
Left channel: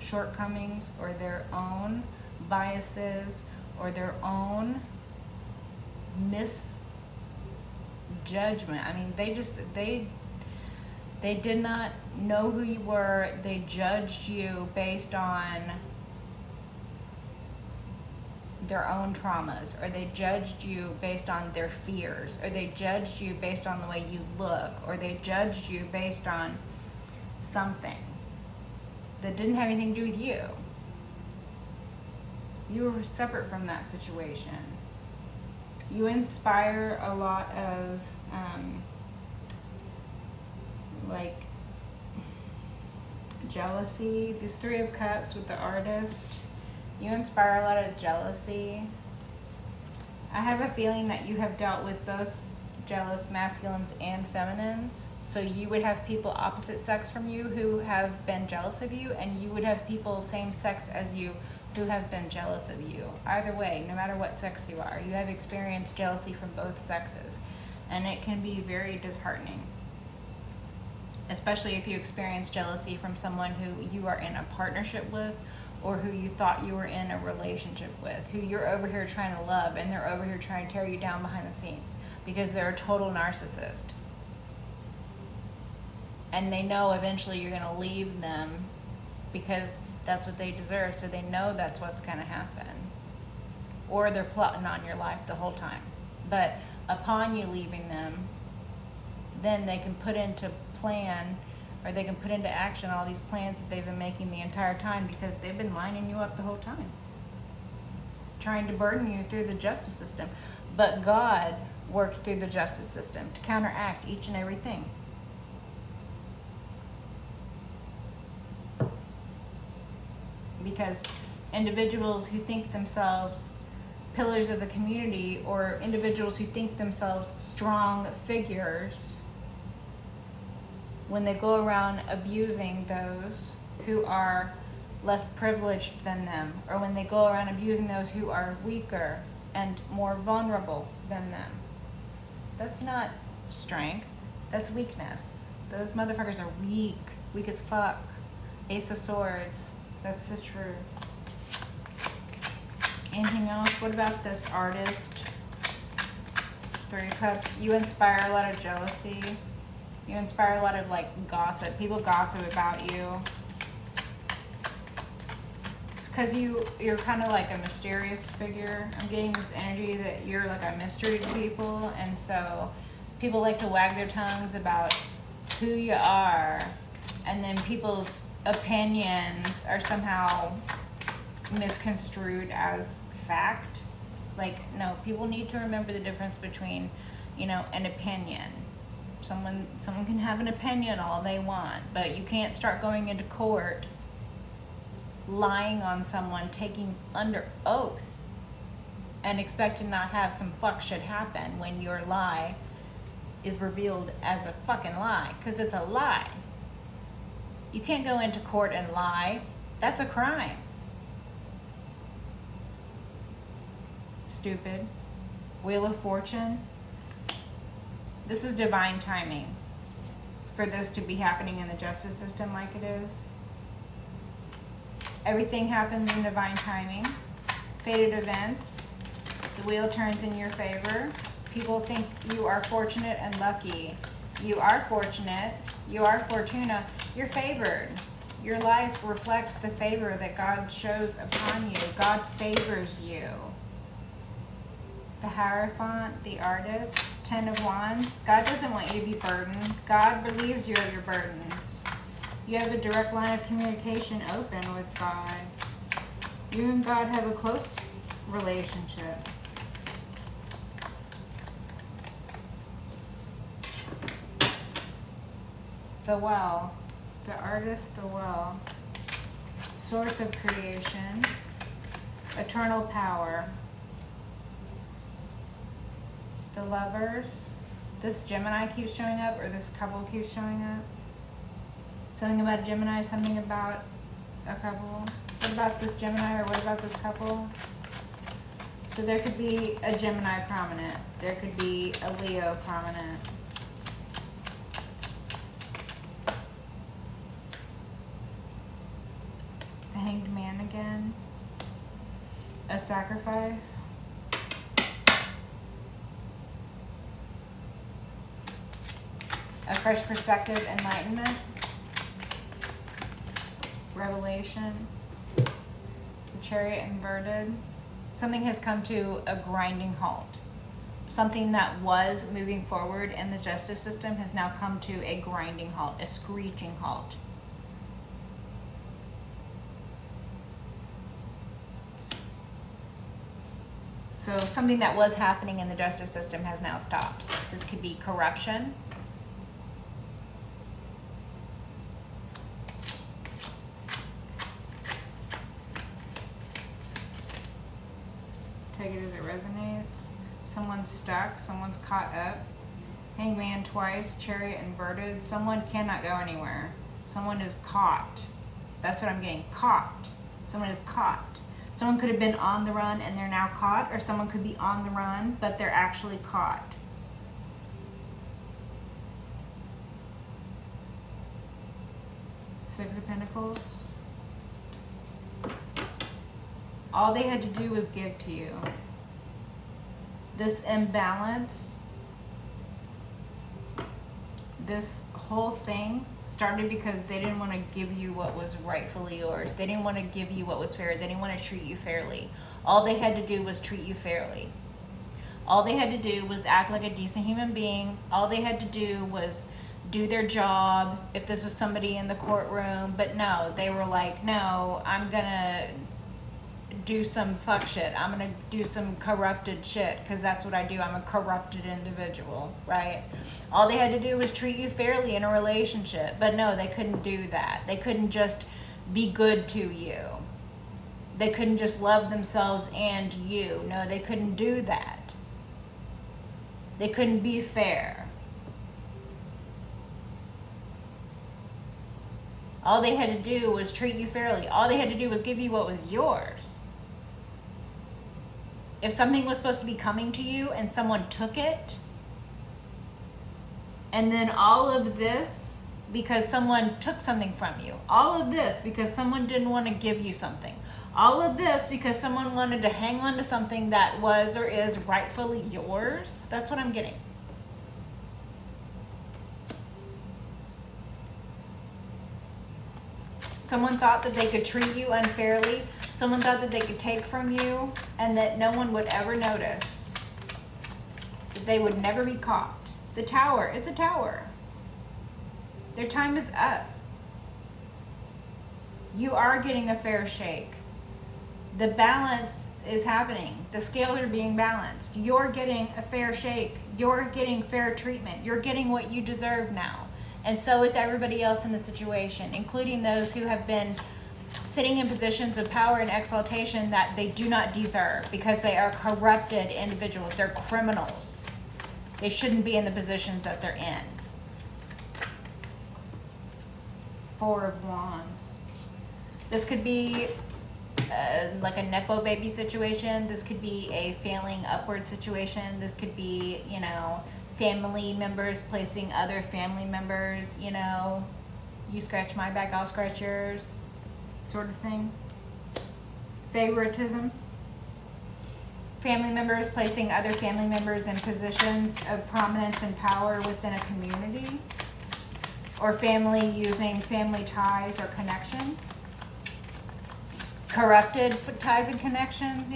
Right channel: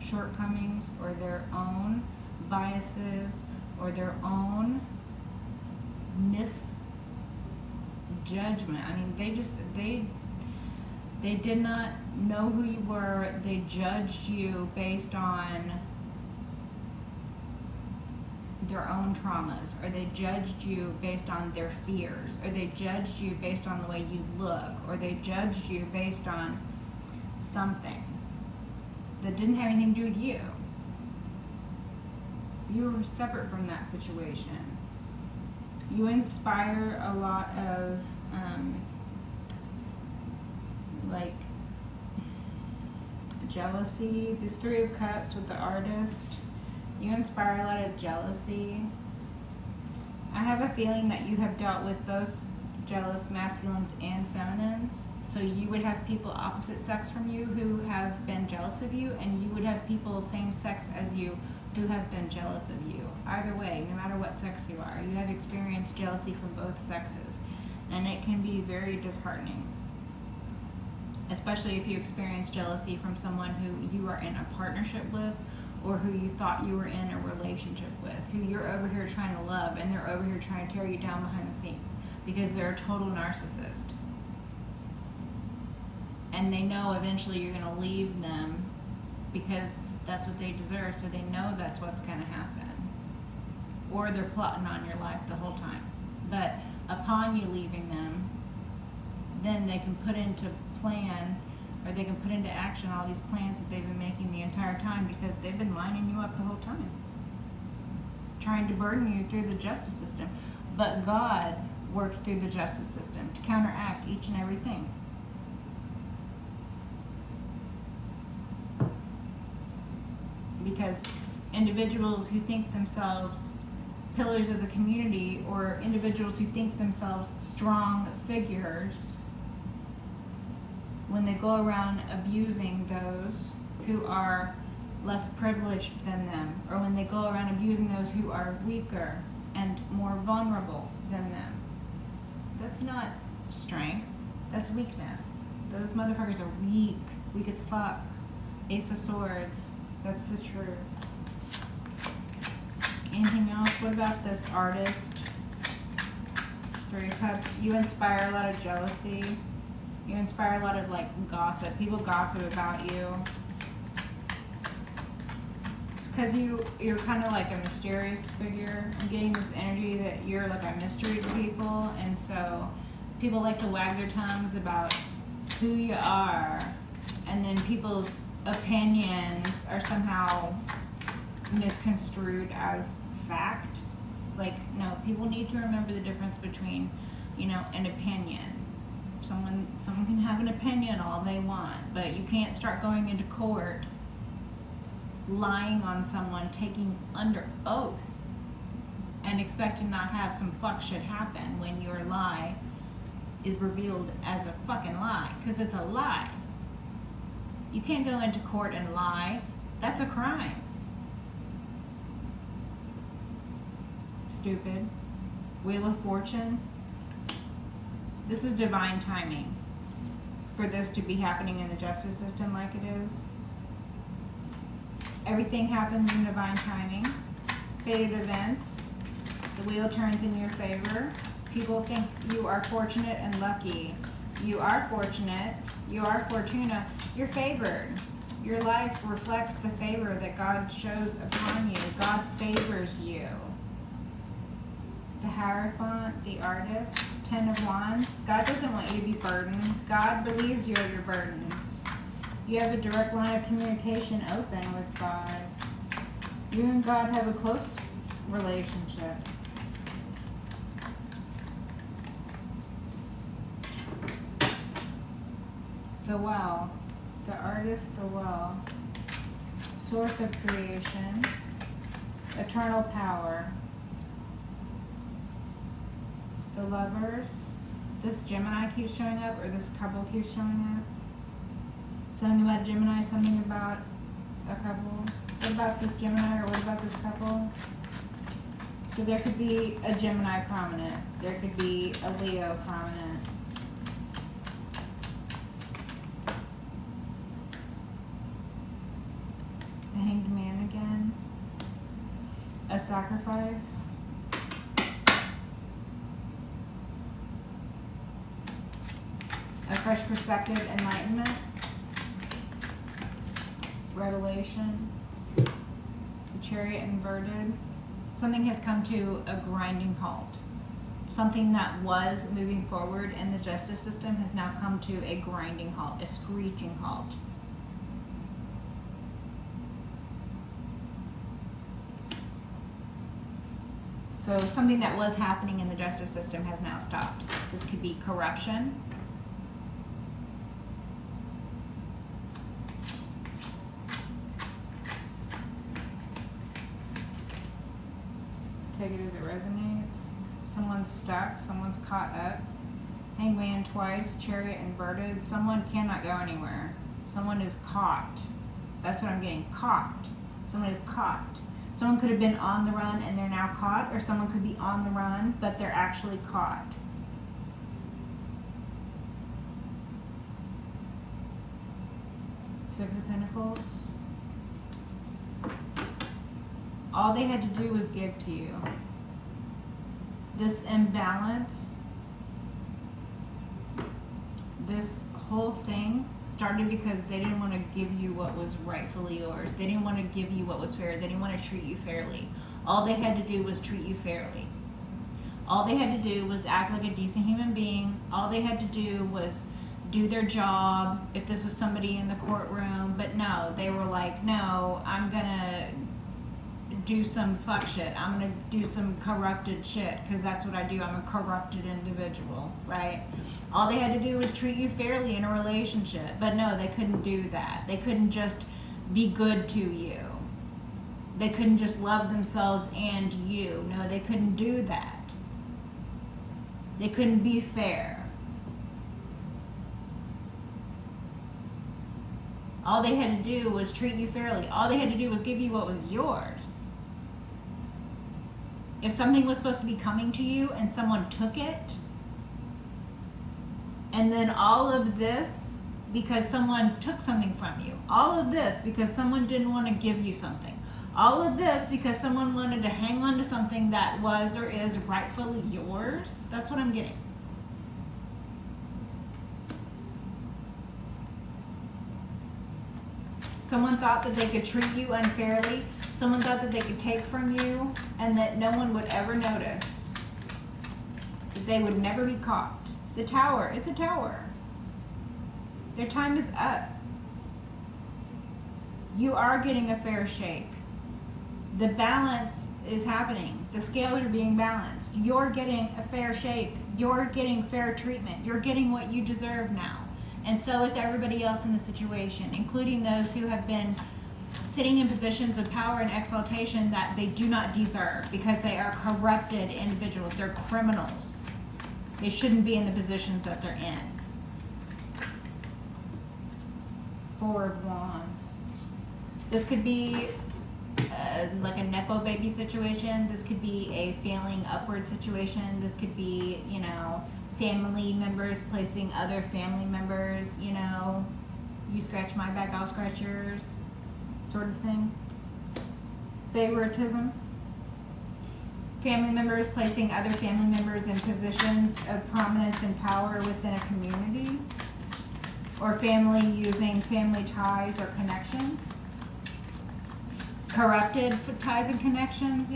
shortcomings or their own biases or their own misjudgment. I mean, they did not know who you were. They judged you based on their own traumas, or they judged you based on their fears, or they judged you based on the way you look, or they judged you based on something that didn't have anything to do with you. You were separate from that situation. You inspire a lot of like jealousy. This Three of Cups with the Artist. You inspire a lot of jealousy. I have a feeling that you have dealt with both jealous masculines and feminines. So you would have people opposite sex from you who have been jealous of you, and you would have people same sex as you who have been jealous of you. Either way, no matter what sex you are, you have experienced jealousy from both sexes. And it can be very disheartening. Especially if you experience jealousy from someone who you are in a partnership with, or who you thought you were in a relationship with, who you're over here trying to love, and they're over here trying to tear you down behind the scenes because they're a total narcissist. And they know eventually you're going to leave them because that's what they deserve, so they know that's what's going to happen. Or they're plotting on your life the whole time. But upon you leaving them, then they can put into plan, or they can put into action all these plans that they've been making the entire time, because they've been lining you up the whole time, trying to burden you through the justice system. But God worked through the justice system to counteract each and everything. Because individuals who think themselves pillars of the community, or individuals who think themselves strong figures, when they go around abusing those who are less privileged than them, or when they go around abusing those who are weaker and more vulnerable than them, that's not strength, that's weakness. Those motherfuckers are weak as fuck. Ace of Swords, that's the truth. Anything else? What about this Artist? Three of Cups. You inspire a lot of jealousy. You inspire a lot of gossip. People gossip about you. It's because you're kind of like a mysterious figure. I'm getting this energy that you're like a mystery to people, and so people like to wag their tongues about who you are, and then people's opinions are somehow misconstrued as fact. No, people need to remember the difference between, an opinion. Someone can have an opinion all they want, but you can't start going into court lying on someone, taking under oath, and expect to not have some fuck shit happen when your lie is revealed as a fucking lie, because it's a lie. You can't go into court and lie. That's a crime. Stupid. Wheel of Fortune. This is divine timing for this to be happening in the justice system like it is. Everything happens in divine timing. Fated events. The wheel turns in your favor. People think you are fortunate and lucky. You are fortunate. You are Fortuna. You're favored. Your life reflects the favor that God shows upon you. God favors you. The Hierophant, the Artist, 10 of Wands. God doesn't want you to be burdened. God relieves you of your burdens. You have a direct line of communication open with God. You and God have a close relationship. The Well, the Artist, the Well. Source of creation. Eternal power. The Lovers. This Gemini keeps showing up, or this couple keeps showing up. Something about Gemini, something about a couple. What about this Gemini, or what about this couple? So there could be a Gemini prominent. There could be a Leo prominent. The Hanged Man again. A Sacrifice. A Fresh Perspective, Enlightenment. Revelation. The Chariot inverted. Something has come to a grinding halt. Something that was moving forward in the justice system has now come to a grinding halt, a screeching halt. So something that was happening in the justice system has now stopped. This could be corruption. Take it as it resonates. Someone's stuck. Someone's caught up. Hangman twice. Chariot inverted. Someone cannot go anywhere. Someone is caught. That's what I'm getting. Caught. Someone is caught. Someone could have been on the run and they're now caught, or someone could be on the run but they're actually caught. Six of Pentacles. All they had to do was give to you. This imbalance, this whole thing started because they didn't want to give you what was rightfully yours. They didn't want to give you what was fair. They didn't want to treat you fairly. All they had to do was treat you fairly. All they had to do was act like a decent human being. All they had to do was do their job if this was somebody in the courtroom. But no, they were like, no, I'm gonna do some fuck shit. I'm gonna do some corrupted shit because that's what I do. I'm a corrupted individual, right? All they had to do was treat you fairly in a relationship. But no, they couldn't do that. They couldn't just be good to you. They couldn't just love themselves and you. No, they couldn't do that. They couldn't be fair. All they had to do was treat you fairly. All they had to do was give you what was yours. If something was supposed to be coming to you and someone took it, and then all of this because someone took something from you, all of this because someone didn't want to give you something, all of this because someone wanted to hang on to something that was or is rightfully yours, that's what I'm getting. Someone thought that they could treat you unfairly. Someone thought that they could take from you and that no one would ever notice. That they would never be caught. The Tower, it's a tower. Their time is up. You are getting a fair shake. The balance is happening. The scales are being balanced. You're getting a fair shake. You're getting fair treatment. You're getting what you deserve now. And so is everybody else in the situation, including those who have been sitting in positions of power and exaltation that they do not deserve because they are corrupted individuals. They're criminals. They shouldn't be in the positions that they're in. Four of Wands. This could be like a Nepo baby situation. This could be a failing upward situation. This could be, family members placing other family members, you scratch my back, I'll scratch yours, sort of thing. Favoritism. Family members placing other family members in positions of prominence and power within a community. Or family using family ties or connections. Corrupted ties and connections,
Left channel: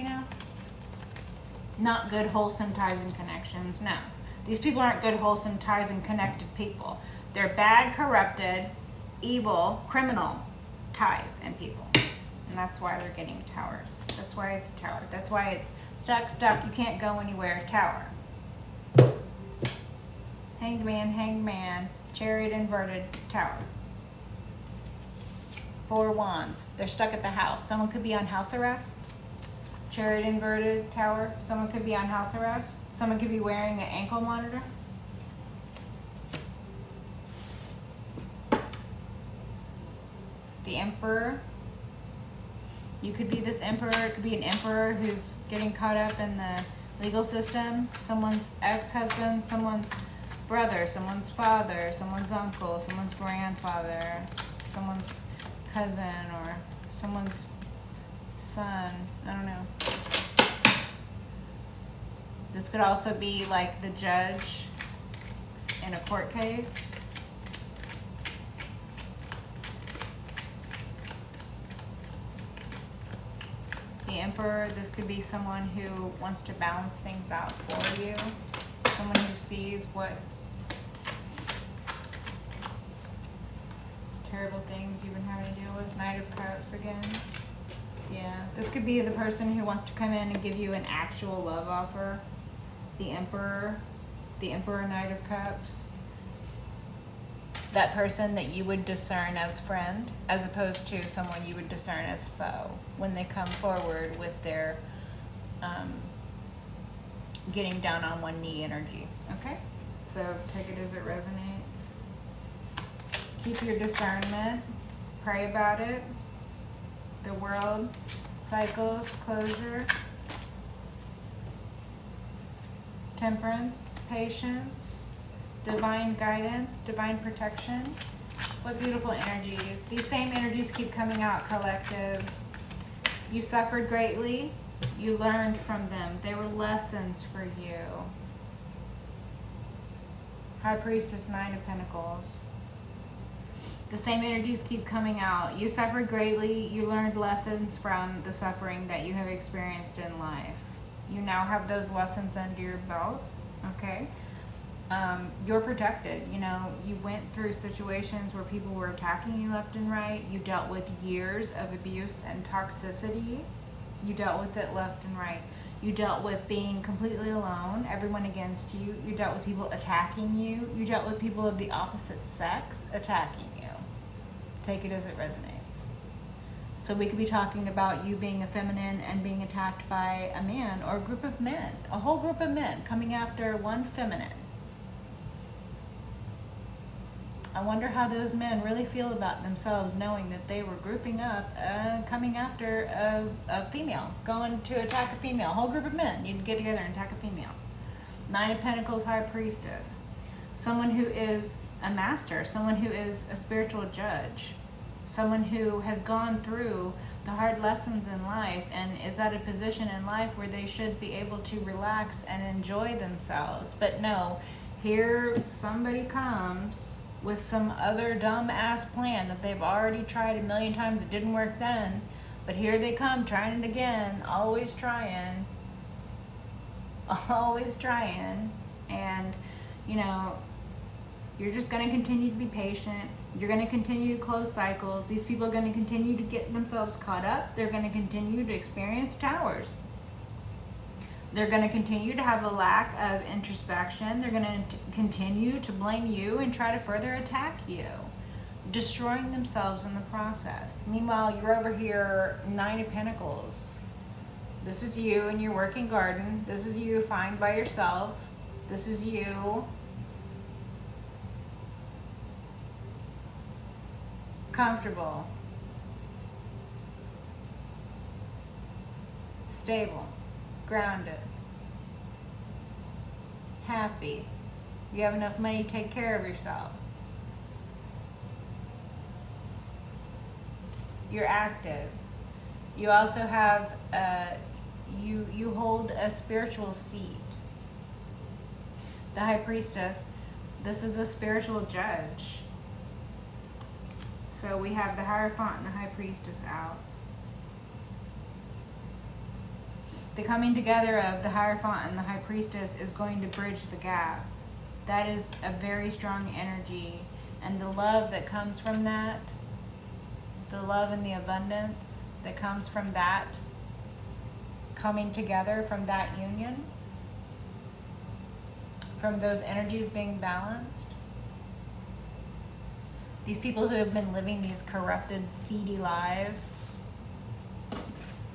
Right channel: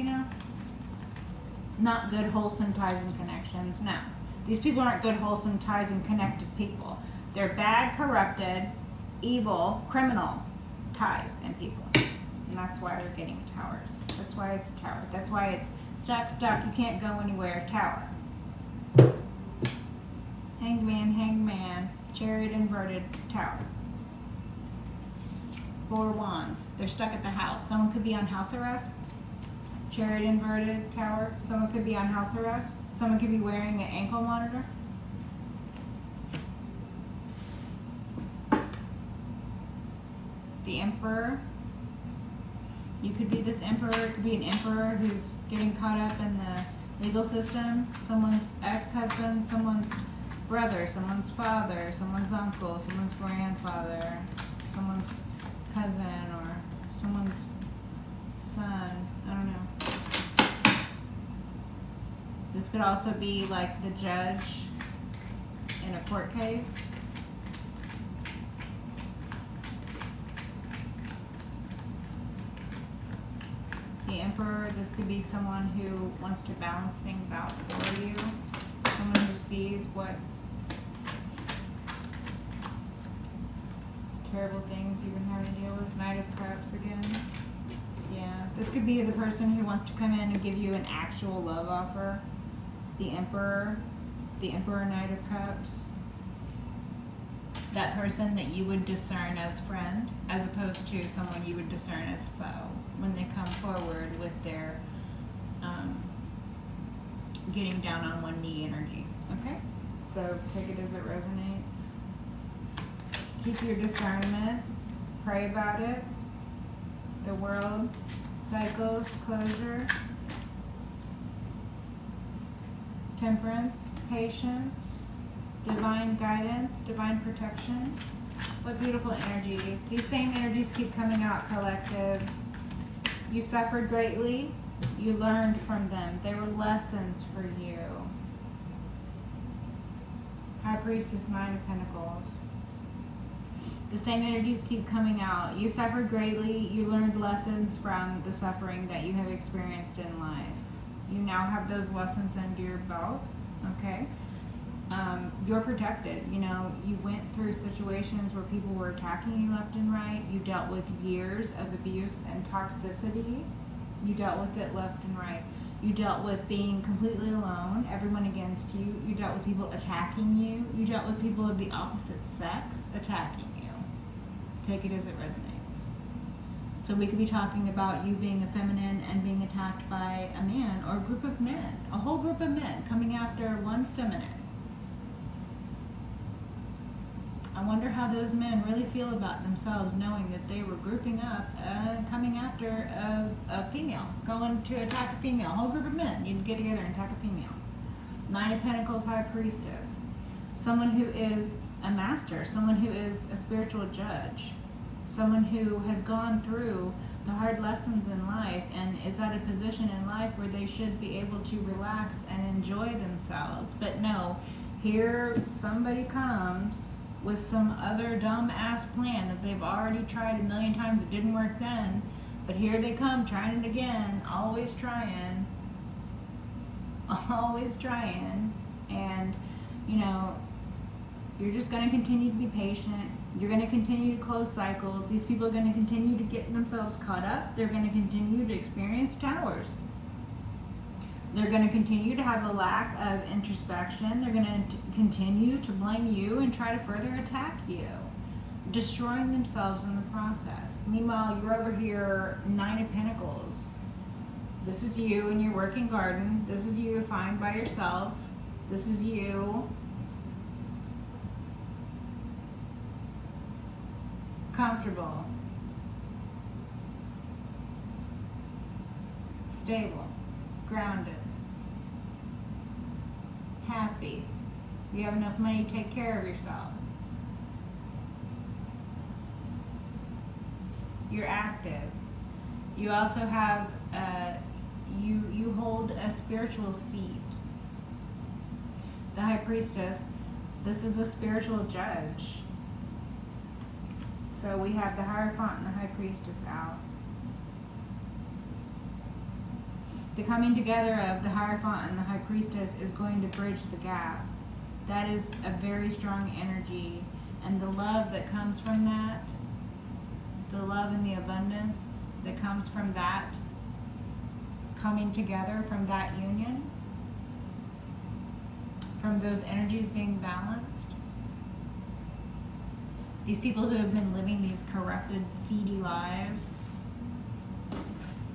Not good, wholesome ties and connections, no. These people aren't good, wholesome ties and connected people. They're bad, corrupted, evil, criminal ties and people. And that's why they're getting towers. That's why it's a tower. That's why it's stuck, you can't go anywhere, tower. Hanged man, chariot inverted, tower. Four Wands. They're stuck at the house. Someone could be on house arrest. Chariot inverted, tower. Someone could be on house arrest. Someone could be wearing an ankle monitor. The Emperor. You could be this emperor. It could be an emperor who's getting caught up in the legal system. Someone's ex-husband, someone's brother, someone's father, someone's uncle, someone's grandfather, someone's cousin, or someone's son. I don't know. This could also be like the judge in a court case. The Emperor, this could be someone who wants to balance things out for you. Someone who sees what terrible things you've been having to deal with. Knight of Cups again. Yeah, this could be the person who wants to come in and give you an actual love offer. The Emperor, Knight of Cups. That person that you would discern as friend, as opposed to someone you would discern as foe when they come forward with their getting down on one knee energy. Okay? So take it as it resonates. Keep your discernment. Pray about it. The world, cycles, closure, temperance, patience, divine guidance, divine protection. What beautiful energies. These same energies keep coming out, collective. You suffered greatly. You learned from them. They were lessons for you. High Priestess, Nine of Pentacles. The same energies keep coming out. You suffered greatly. You learned lessons from the suffering that you have experienced in life. You now have those lessons under your belt. Okay? You're protected. You know, you went through situations where people were attacking you left and right. You dealt with years of abuse and toxicity. You dealt with it left and right. You dealt with being completely alone, everyone against you. You dealt with people attacking you. You dealt with people of the opposite sex attacking you. Take it as it resonates. So we could be talking about you being a feminine and being attacked by a man or a group of men, a whole group of men coming after one feminine. I wonder how those men really feel about themselves knowing that they were grouping up, coming after a female, going to attack a female. A whole group of men need to get together and attack a female. Nine of Pentacles, High Priestess. Someone who is a master, someone who is a spiritual judge, someone who has gone through the hard lessons in life and is at a position in life where they should be able to relax and enjoy themselves. But no, here somebody comes with some other dumb ass plan that they've already tried a million times. It didn't work then, but here they come trying it again, always trying, and you know, you're just going to continue to be patient. You're going to continue to close cycles. These people are going to continue to get themselves caught up. They're going to continue to experience towers. They're going to continue to have a lack of introspection. They're going to continue to blame you and try to further attack you, destroying themselves in the process. Meanwhile, you're over here, Nine of Pentacles. This is you in your working garden. This is you fine by yourself. This is you comfortable, stable, grounded, happy. You have enough money to take care of yourself. You're active. You also have you hold a spiritual seat. The High Priestess, this is a spiritual judge. So we have the Hierophant and the High Priestess out. The coming together of the Hierophant and the High Priestess is going to bridge the gap. That is a very strong energy. And the love that comes from that, the love and the abundance that comes from that, coming together from that union, from those energies being balanced. These people who have been living these corrupted, seedy lives,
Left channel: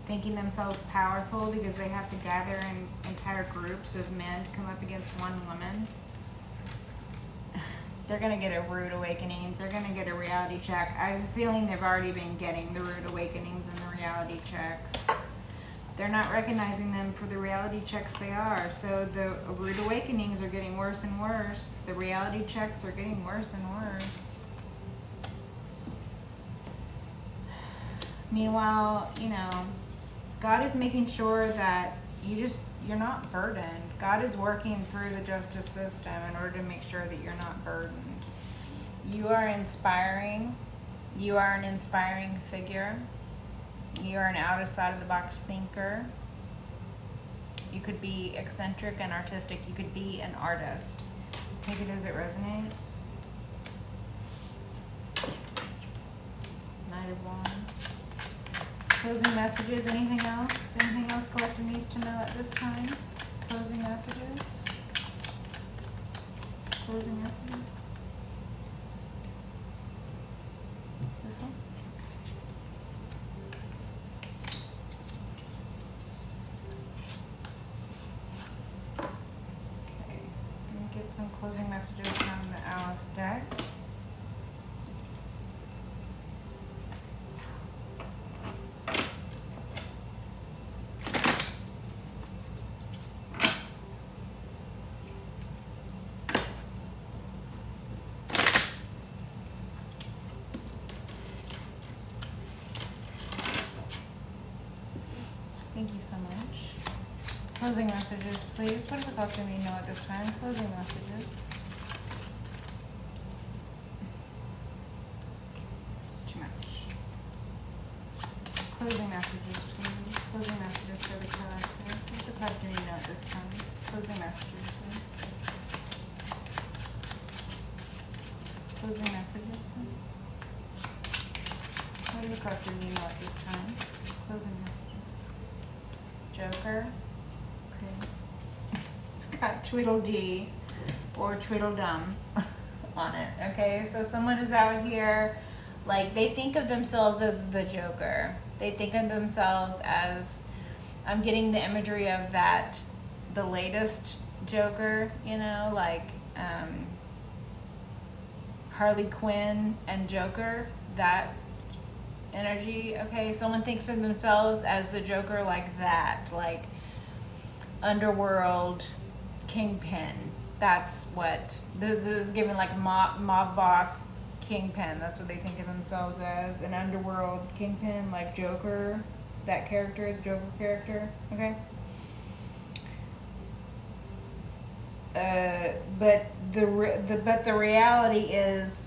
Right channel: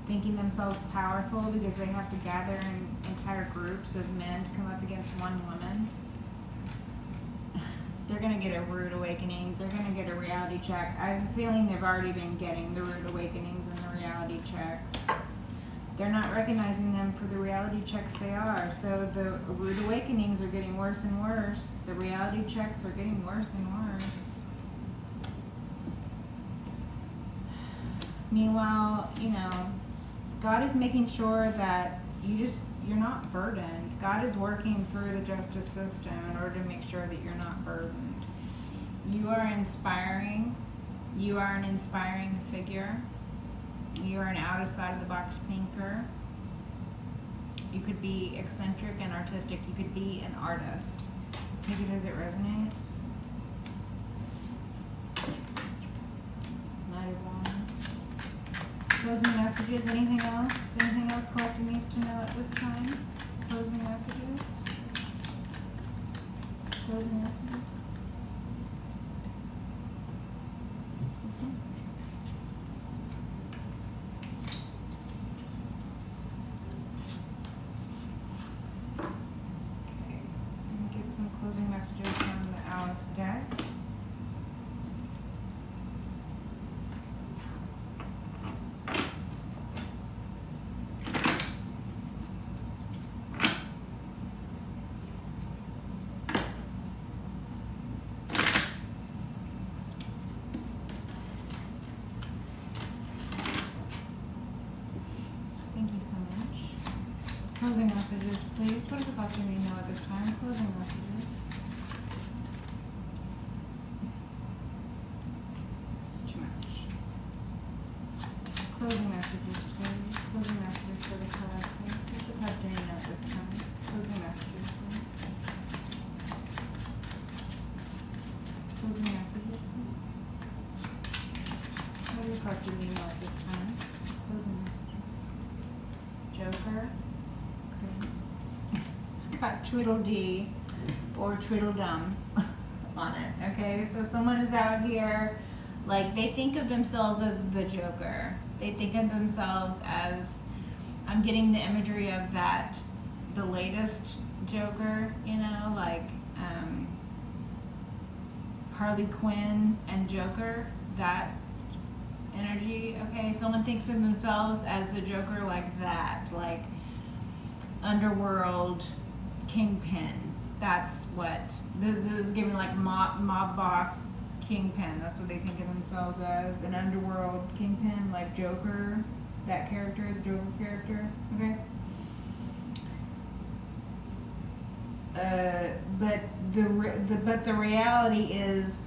thinking themselves powerful because they have to gather in entire groups of men to come up against one woman. They're going to get a rude awakening. They're going to get a reality check. I have a feeling they've already been getting the rude awakenings and the reality checks. They're not recognizing them for the reality checks they are. So the rude awakenings are getting worse and worse. The reality checks are getting worse and worse. Meanwhile, you know, God is making sure that you're not burdened. God is working through the justice system in order to make sure that you're not burdened. You are inspiring. You are an inspiring figure. You are an outside of the box thinker. You could be eccentric and artistic. You could be an artist. Take it as it resonates. Knight of Wands. Closing messages, anything else? Anything else collective needs to know at this time? Closing messages? Closing messages? This one? Thank you so much. Closing messages, please. What does the collective need to know at this time? Closing messages. It's too much. Closing messages, please. Closing messages for the collective. What's the collective need to know at this time? Closing messages, please. Closing messages, please. What does the collective need to know at this time? Closing messages. Joker. Okay. It's got Tweedledee or Tweedledum on it. Okay, so someone is out here, like, they think of themselves as the Joker. They think of themselves as, I'm getting the imagery of that, the latest Joker, you know, like Harley Quinn and Joker, that energy. Okay, someone thinks of themselves as the Joker, like that, like underworld kingpin. That's what this is giving, like mob boss kingpin. That's what they think of themselves as, an underworld kingpin, like Joker, that character, the Joker character. Okay. But the reality is,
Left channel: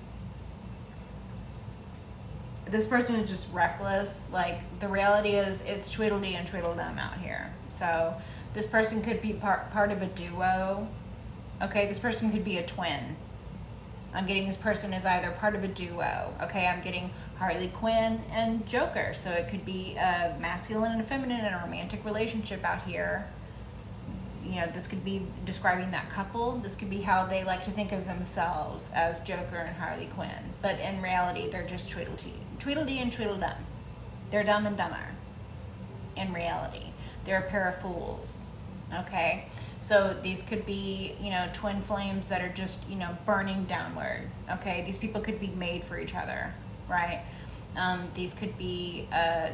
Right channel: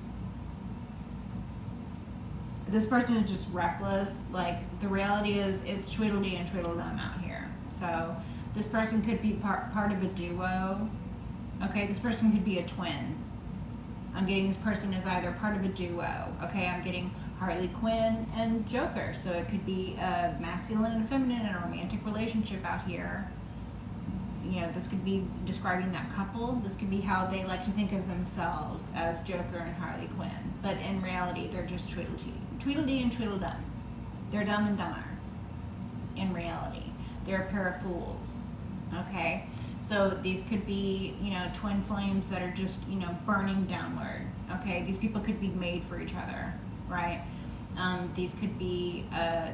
this person is just reckless. Like, the reality is, it's Tweedledee and Tweedledum out here. So this person could be part of a duo. Okay, this person could be a twin. I'm getting this person is either part of a duo. Okay, I'm getting Harley Quinn and Joker. So it could be a masculine and a feminine in a romantic relationship out here. You know, this could be describing that couple. This could be how they like to think of themselves, as Joker and Harley Quinn. But in reality, they're just Tweedledee and Tweedledum. They're dumb and dumber. In reality, they're a pair of fools. Okay, so these could be, you know, twin flames that are just, you know, burning downward. Okay, these people could be made for each other, right? These could be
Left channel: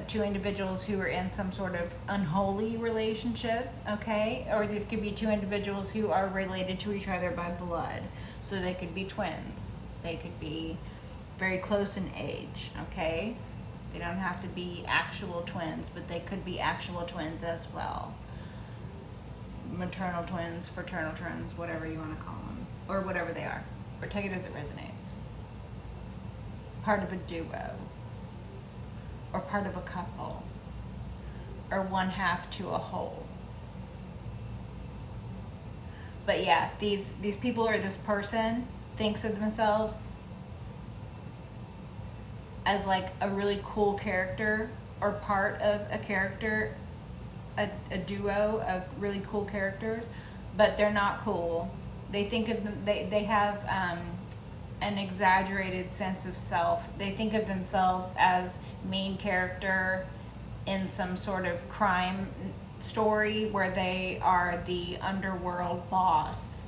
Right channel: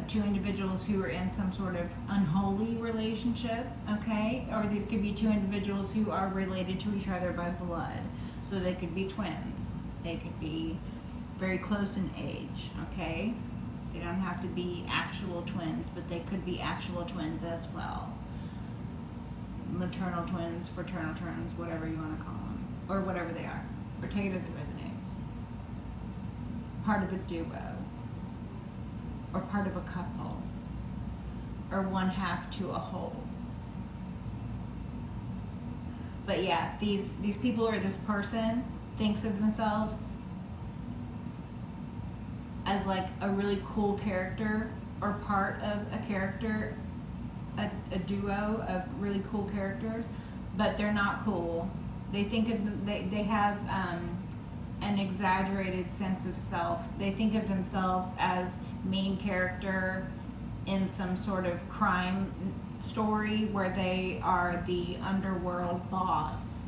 two individuals who are in some sort of unholy relationship, okay? Or these could be two individuals who are related to each other by blood. So they could be twins. They could be very close in age, okay? They don't have to be actual twins, but they could be actual twins as well. Maternal twins, fraternal twins, whatever you want to call them, or whatever they are, or take it as it resonates. Part of a duo, or part of a couple, or one half to a whole. But yeah, these people, or this person thinks of themselves as like a really cool character, or part of a character, a duo of really cool characters, but they're not cool. They think of them, they have an exaggerated sense of self. They think of themselves as main character in some sort of crime story where they are the underworld boss,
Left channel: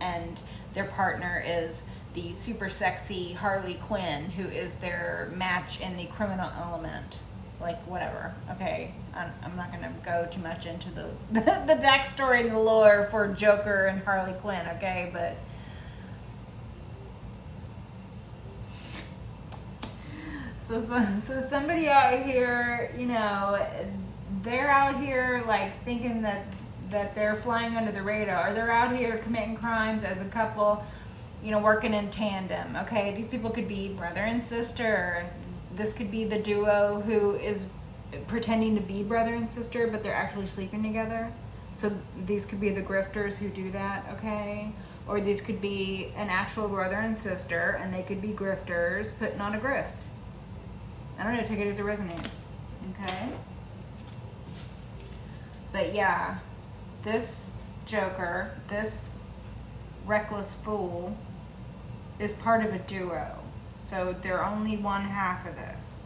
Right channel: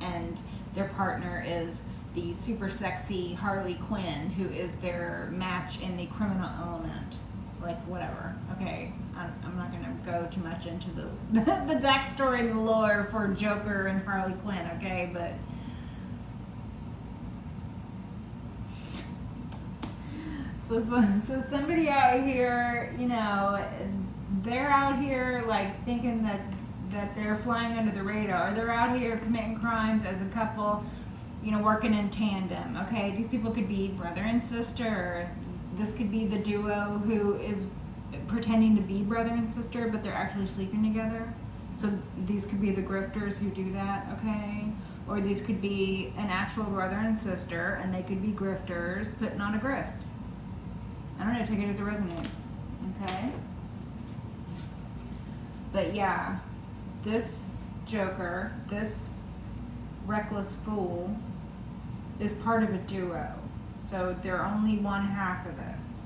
and their partner is the super sexy Harley Quinn, who is their match in the criminal element. Like, whatever. Okay, I'm not gonna go too much into the the backstory and the lore for Joker and Harley Quinn, okay? But so somebody out here, you know, they're out here like thinking that they're flying under the radar. They're out here committing crimes as a couple, you know, working in tandem. Okay, these people could be brother and sister. This could be the duo who is pretending to be brother and sister, but they're actually sleeping together. So these could be the grifters who do that, okay? Or these could be an actual brother and sister, and they could be grifters putting on a grift. I don't know, take it as it resonates, okay? But yeah, this Joker, this reckless fool, is part of a duo. So they're only one half of this.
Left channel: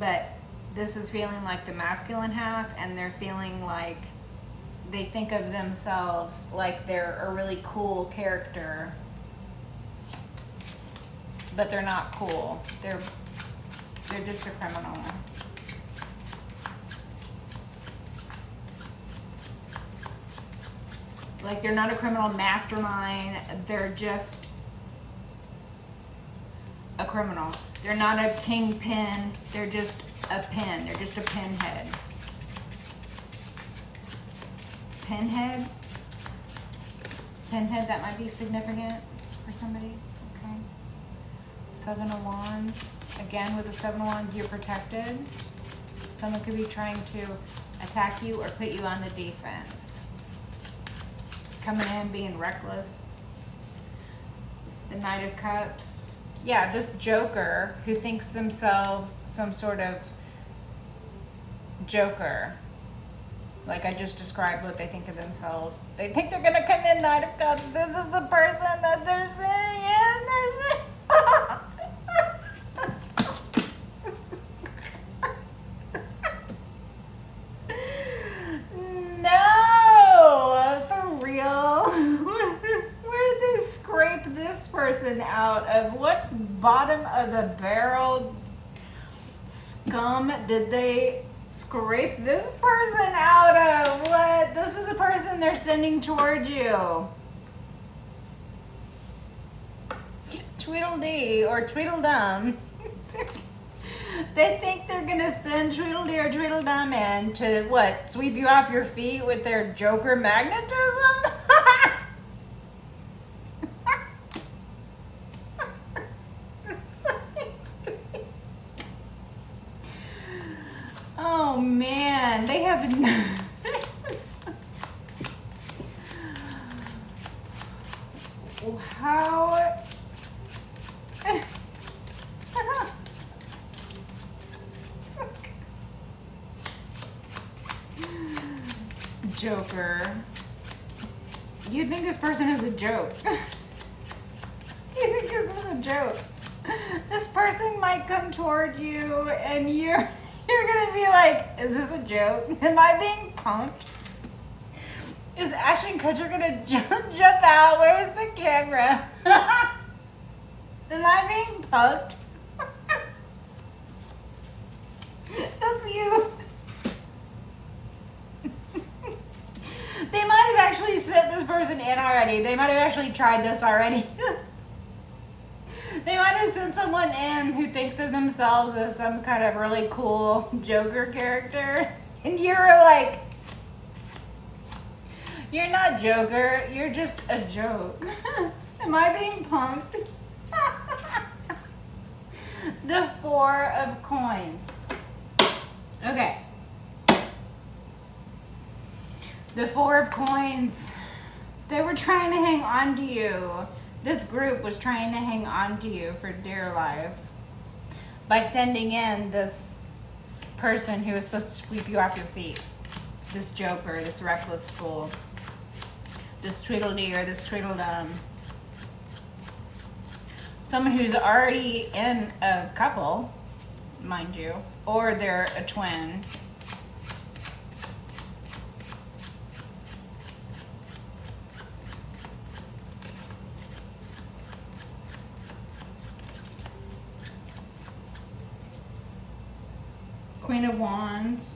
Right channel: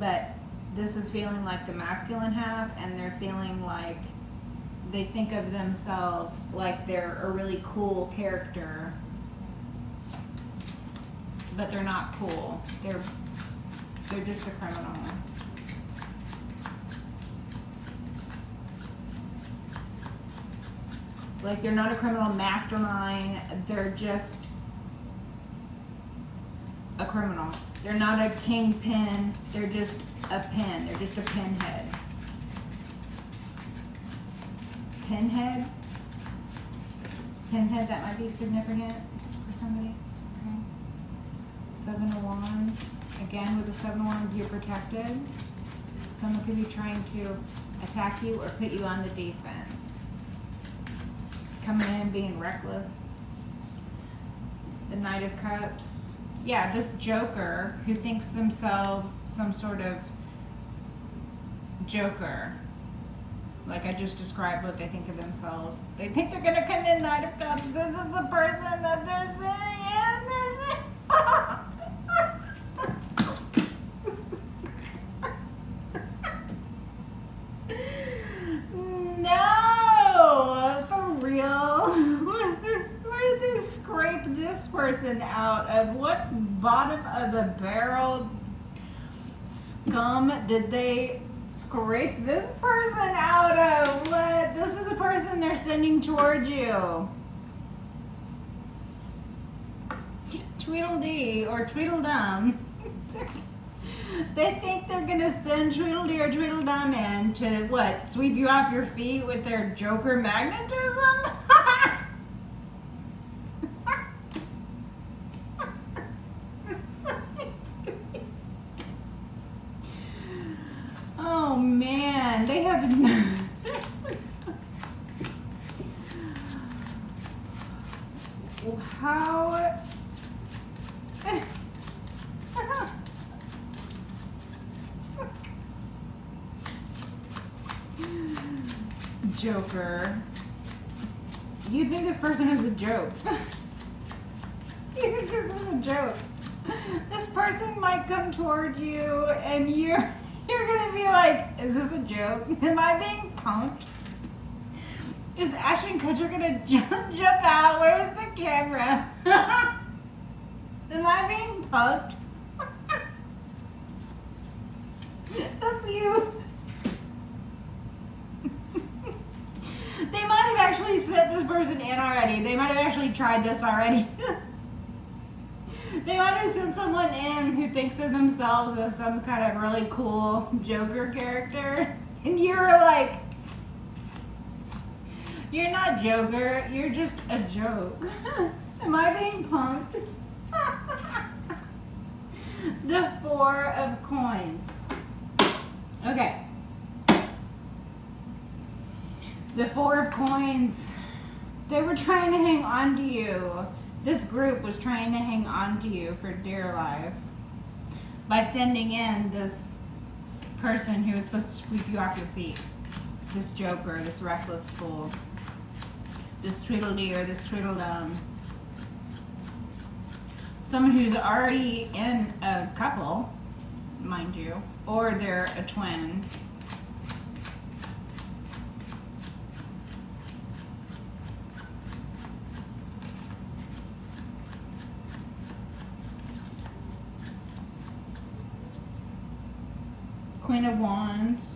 But this is feeling like the masculine half, and they're feeling like they think of themselves like they're a really cool character. But they're not cool. They're just a criminal. Like, they're not a criminal mastermind. They're just a criminal. They're not a kingpin. They're just a pin. They're just a pinhead. Pinhead. Pinhead, that might be significant for somebody. Okay. Seven of Wands. Again, with the Seven of Wands, you're protected. Someone could be trying to attack you or put you on the defense. Coming in, being reckless. The Knight of Cups. Yeah, this Joker who thinks themselves some sort of Joker. Like I just described what they think of themselves. They think they're going to come in, Knight of Cups. This is the person that they're saying in. No, for real. Where did they scrape this person out of? What bottom of the barrel scum did they scrape this person out of? What? This is the person they're sending toward you. Tweedledee or Tweedledum. They think they're gonna send Tweedledee or Tweedledum in to what? Sweep you off your feet with their Joker magnetism? Oh man, they have how Joker. You think this person is a joke. You think this is a joke. This person might come toward you and you're gonna be like, is this a joke? Am I being punked? Is Ashton Kutcher gonna jump out? Where's the camera? Am I being punked? That's you. They might have actually sent this person in already. They might have actually tried this already. They might have sent someone in who thinks of themselves as some kind of really cool Joker character. And you're like, you're not Joker, you're just a joke. Am I being punked? The Four of Coins. Okay. The Four of Coins. They were trying to hang on to you. This group was trying to hang on to you for dear life by sending in this person who was supposed to sweep you off your feet. This Joker, this reckless fool, this Tweedledee or this Tweedledum. Someone who's already in a couple, mind you, or they're a twin. Queen of Wands.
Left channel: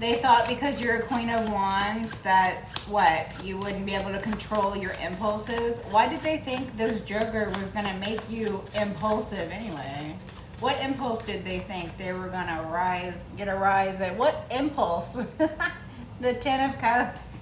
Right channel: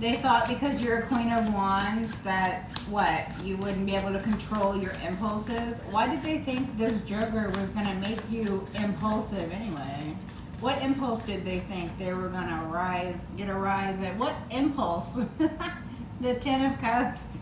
They thought because you're a Queen of Wands that, what, you wouldn't be able to control your impulses? Why did they think this Joker was going to make you impulsive anyway? What impulse did they think they were going to get a rise at? What impulse? The Ten of Cups.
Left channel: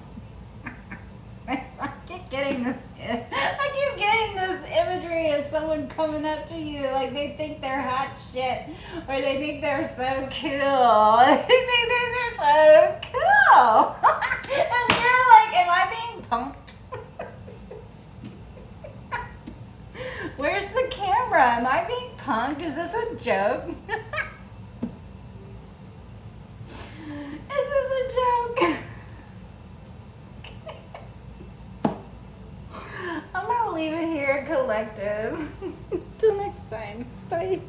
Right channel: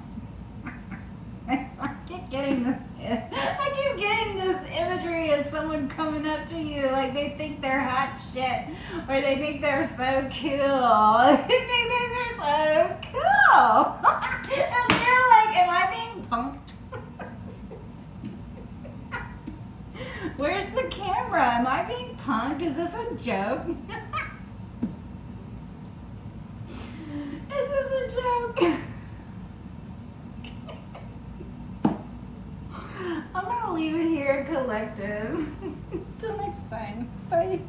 I keep getting this. I keep getting this imagery of someone coming up to you like they think they're hot shit, or they think they're so cool. They think they're so cool, and you're like, "Am I being punked? Where's the camera? Am I being punked? Is this a joke? Is this a joke?" I'm gonna leave it here, collective. Till next time. Bye.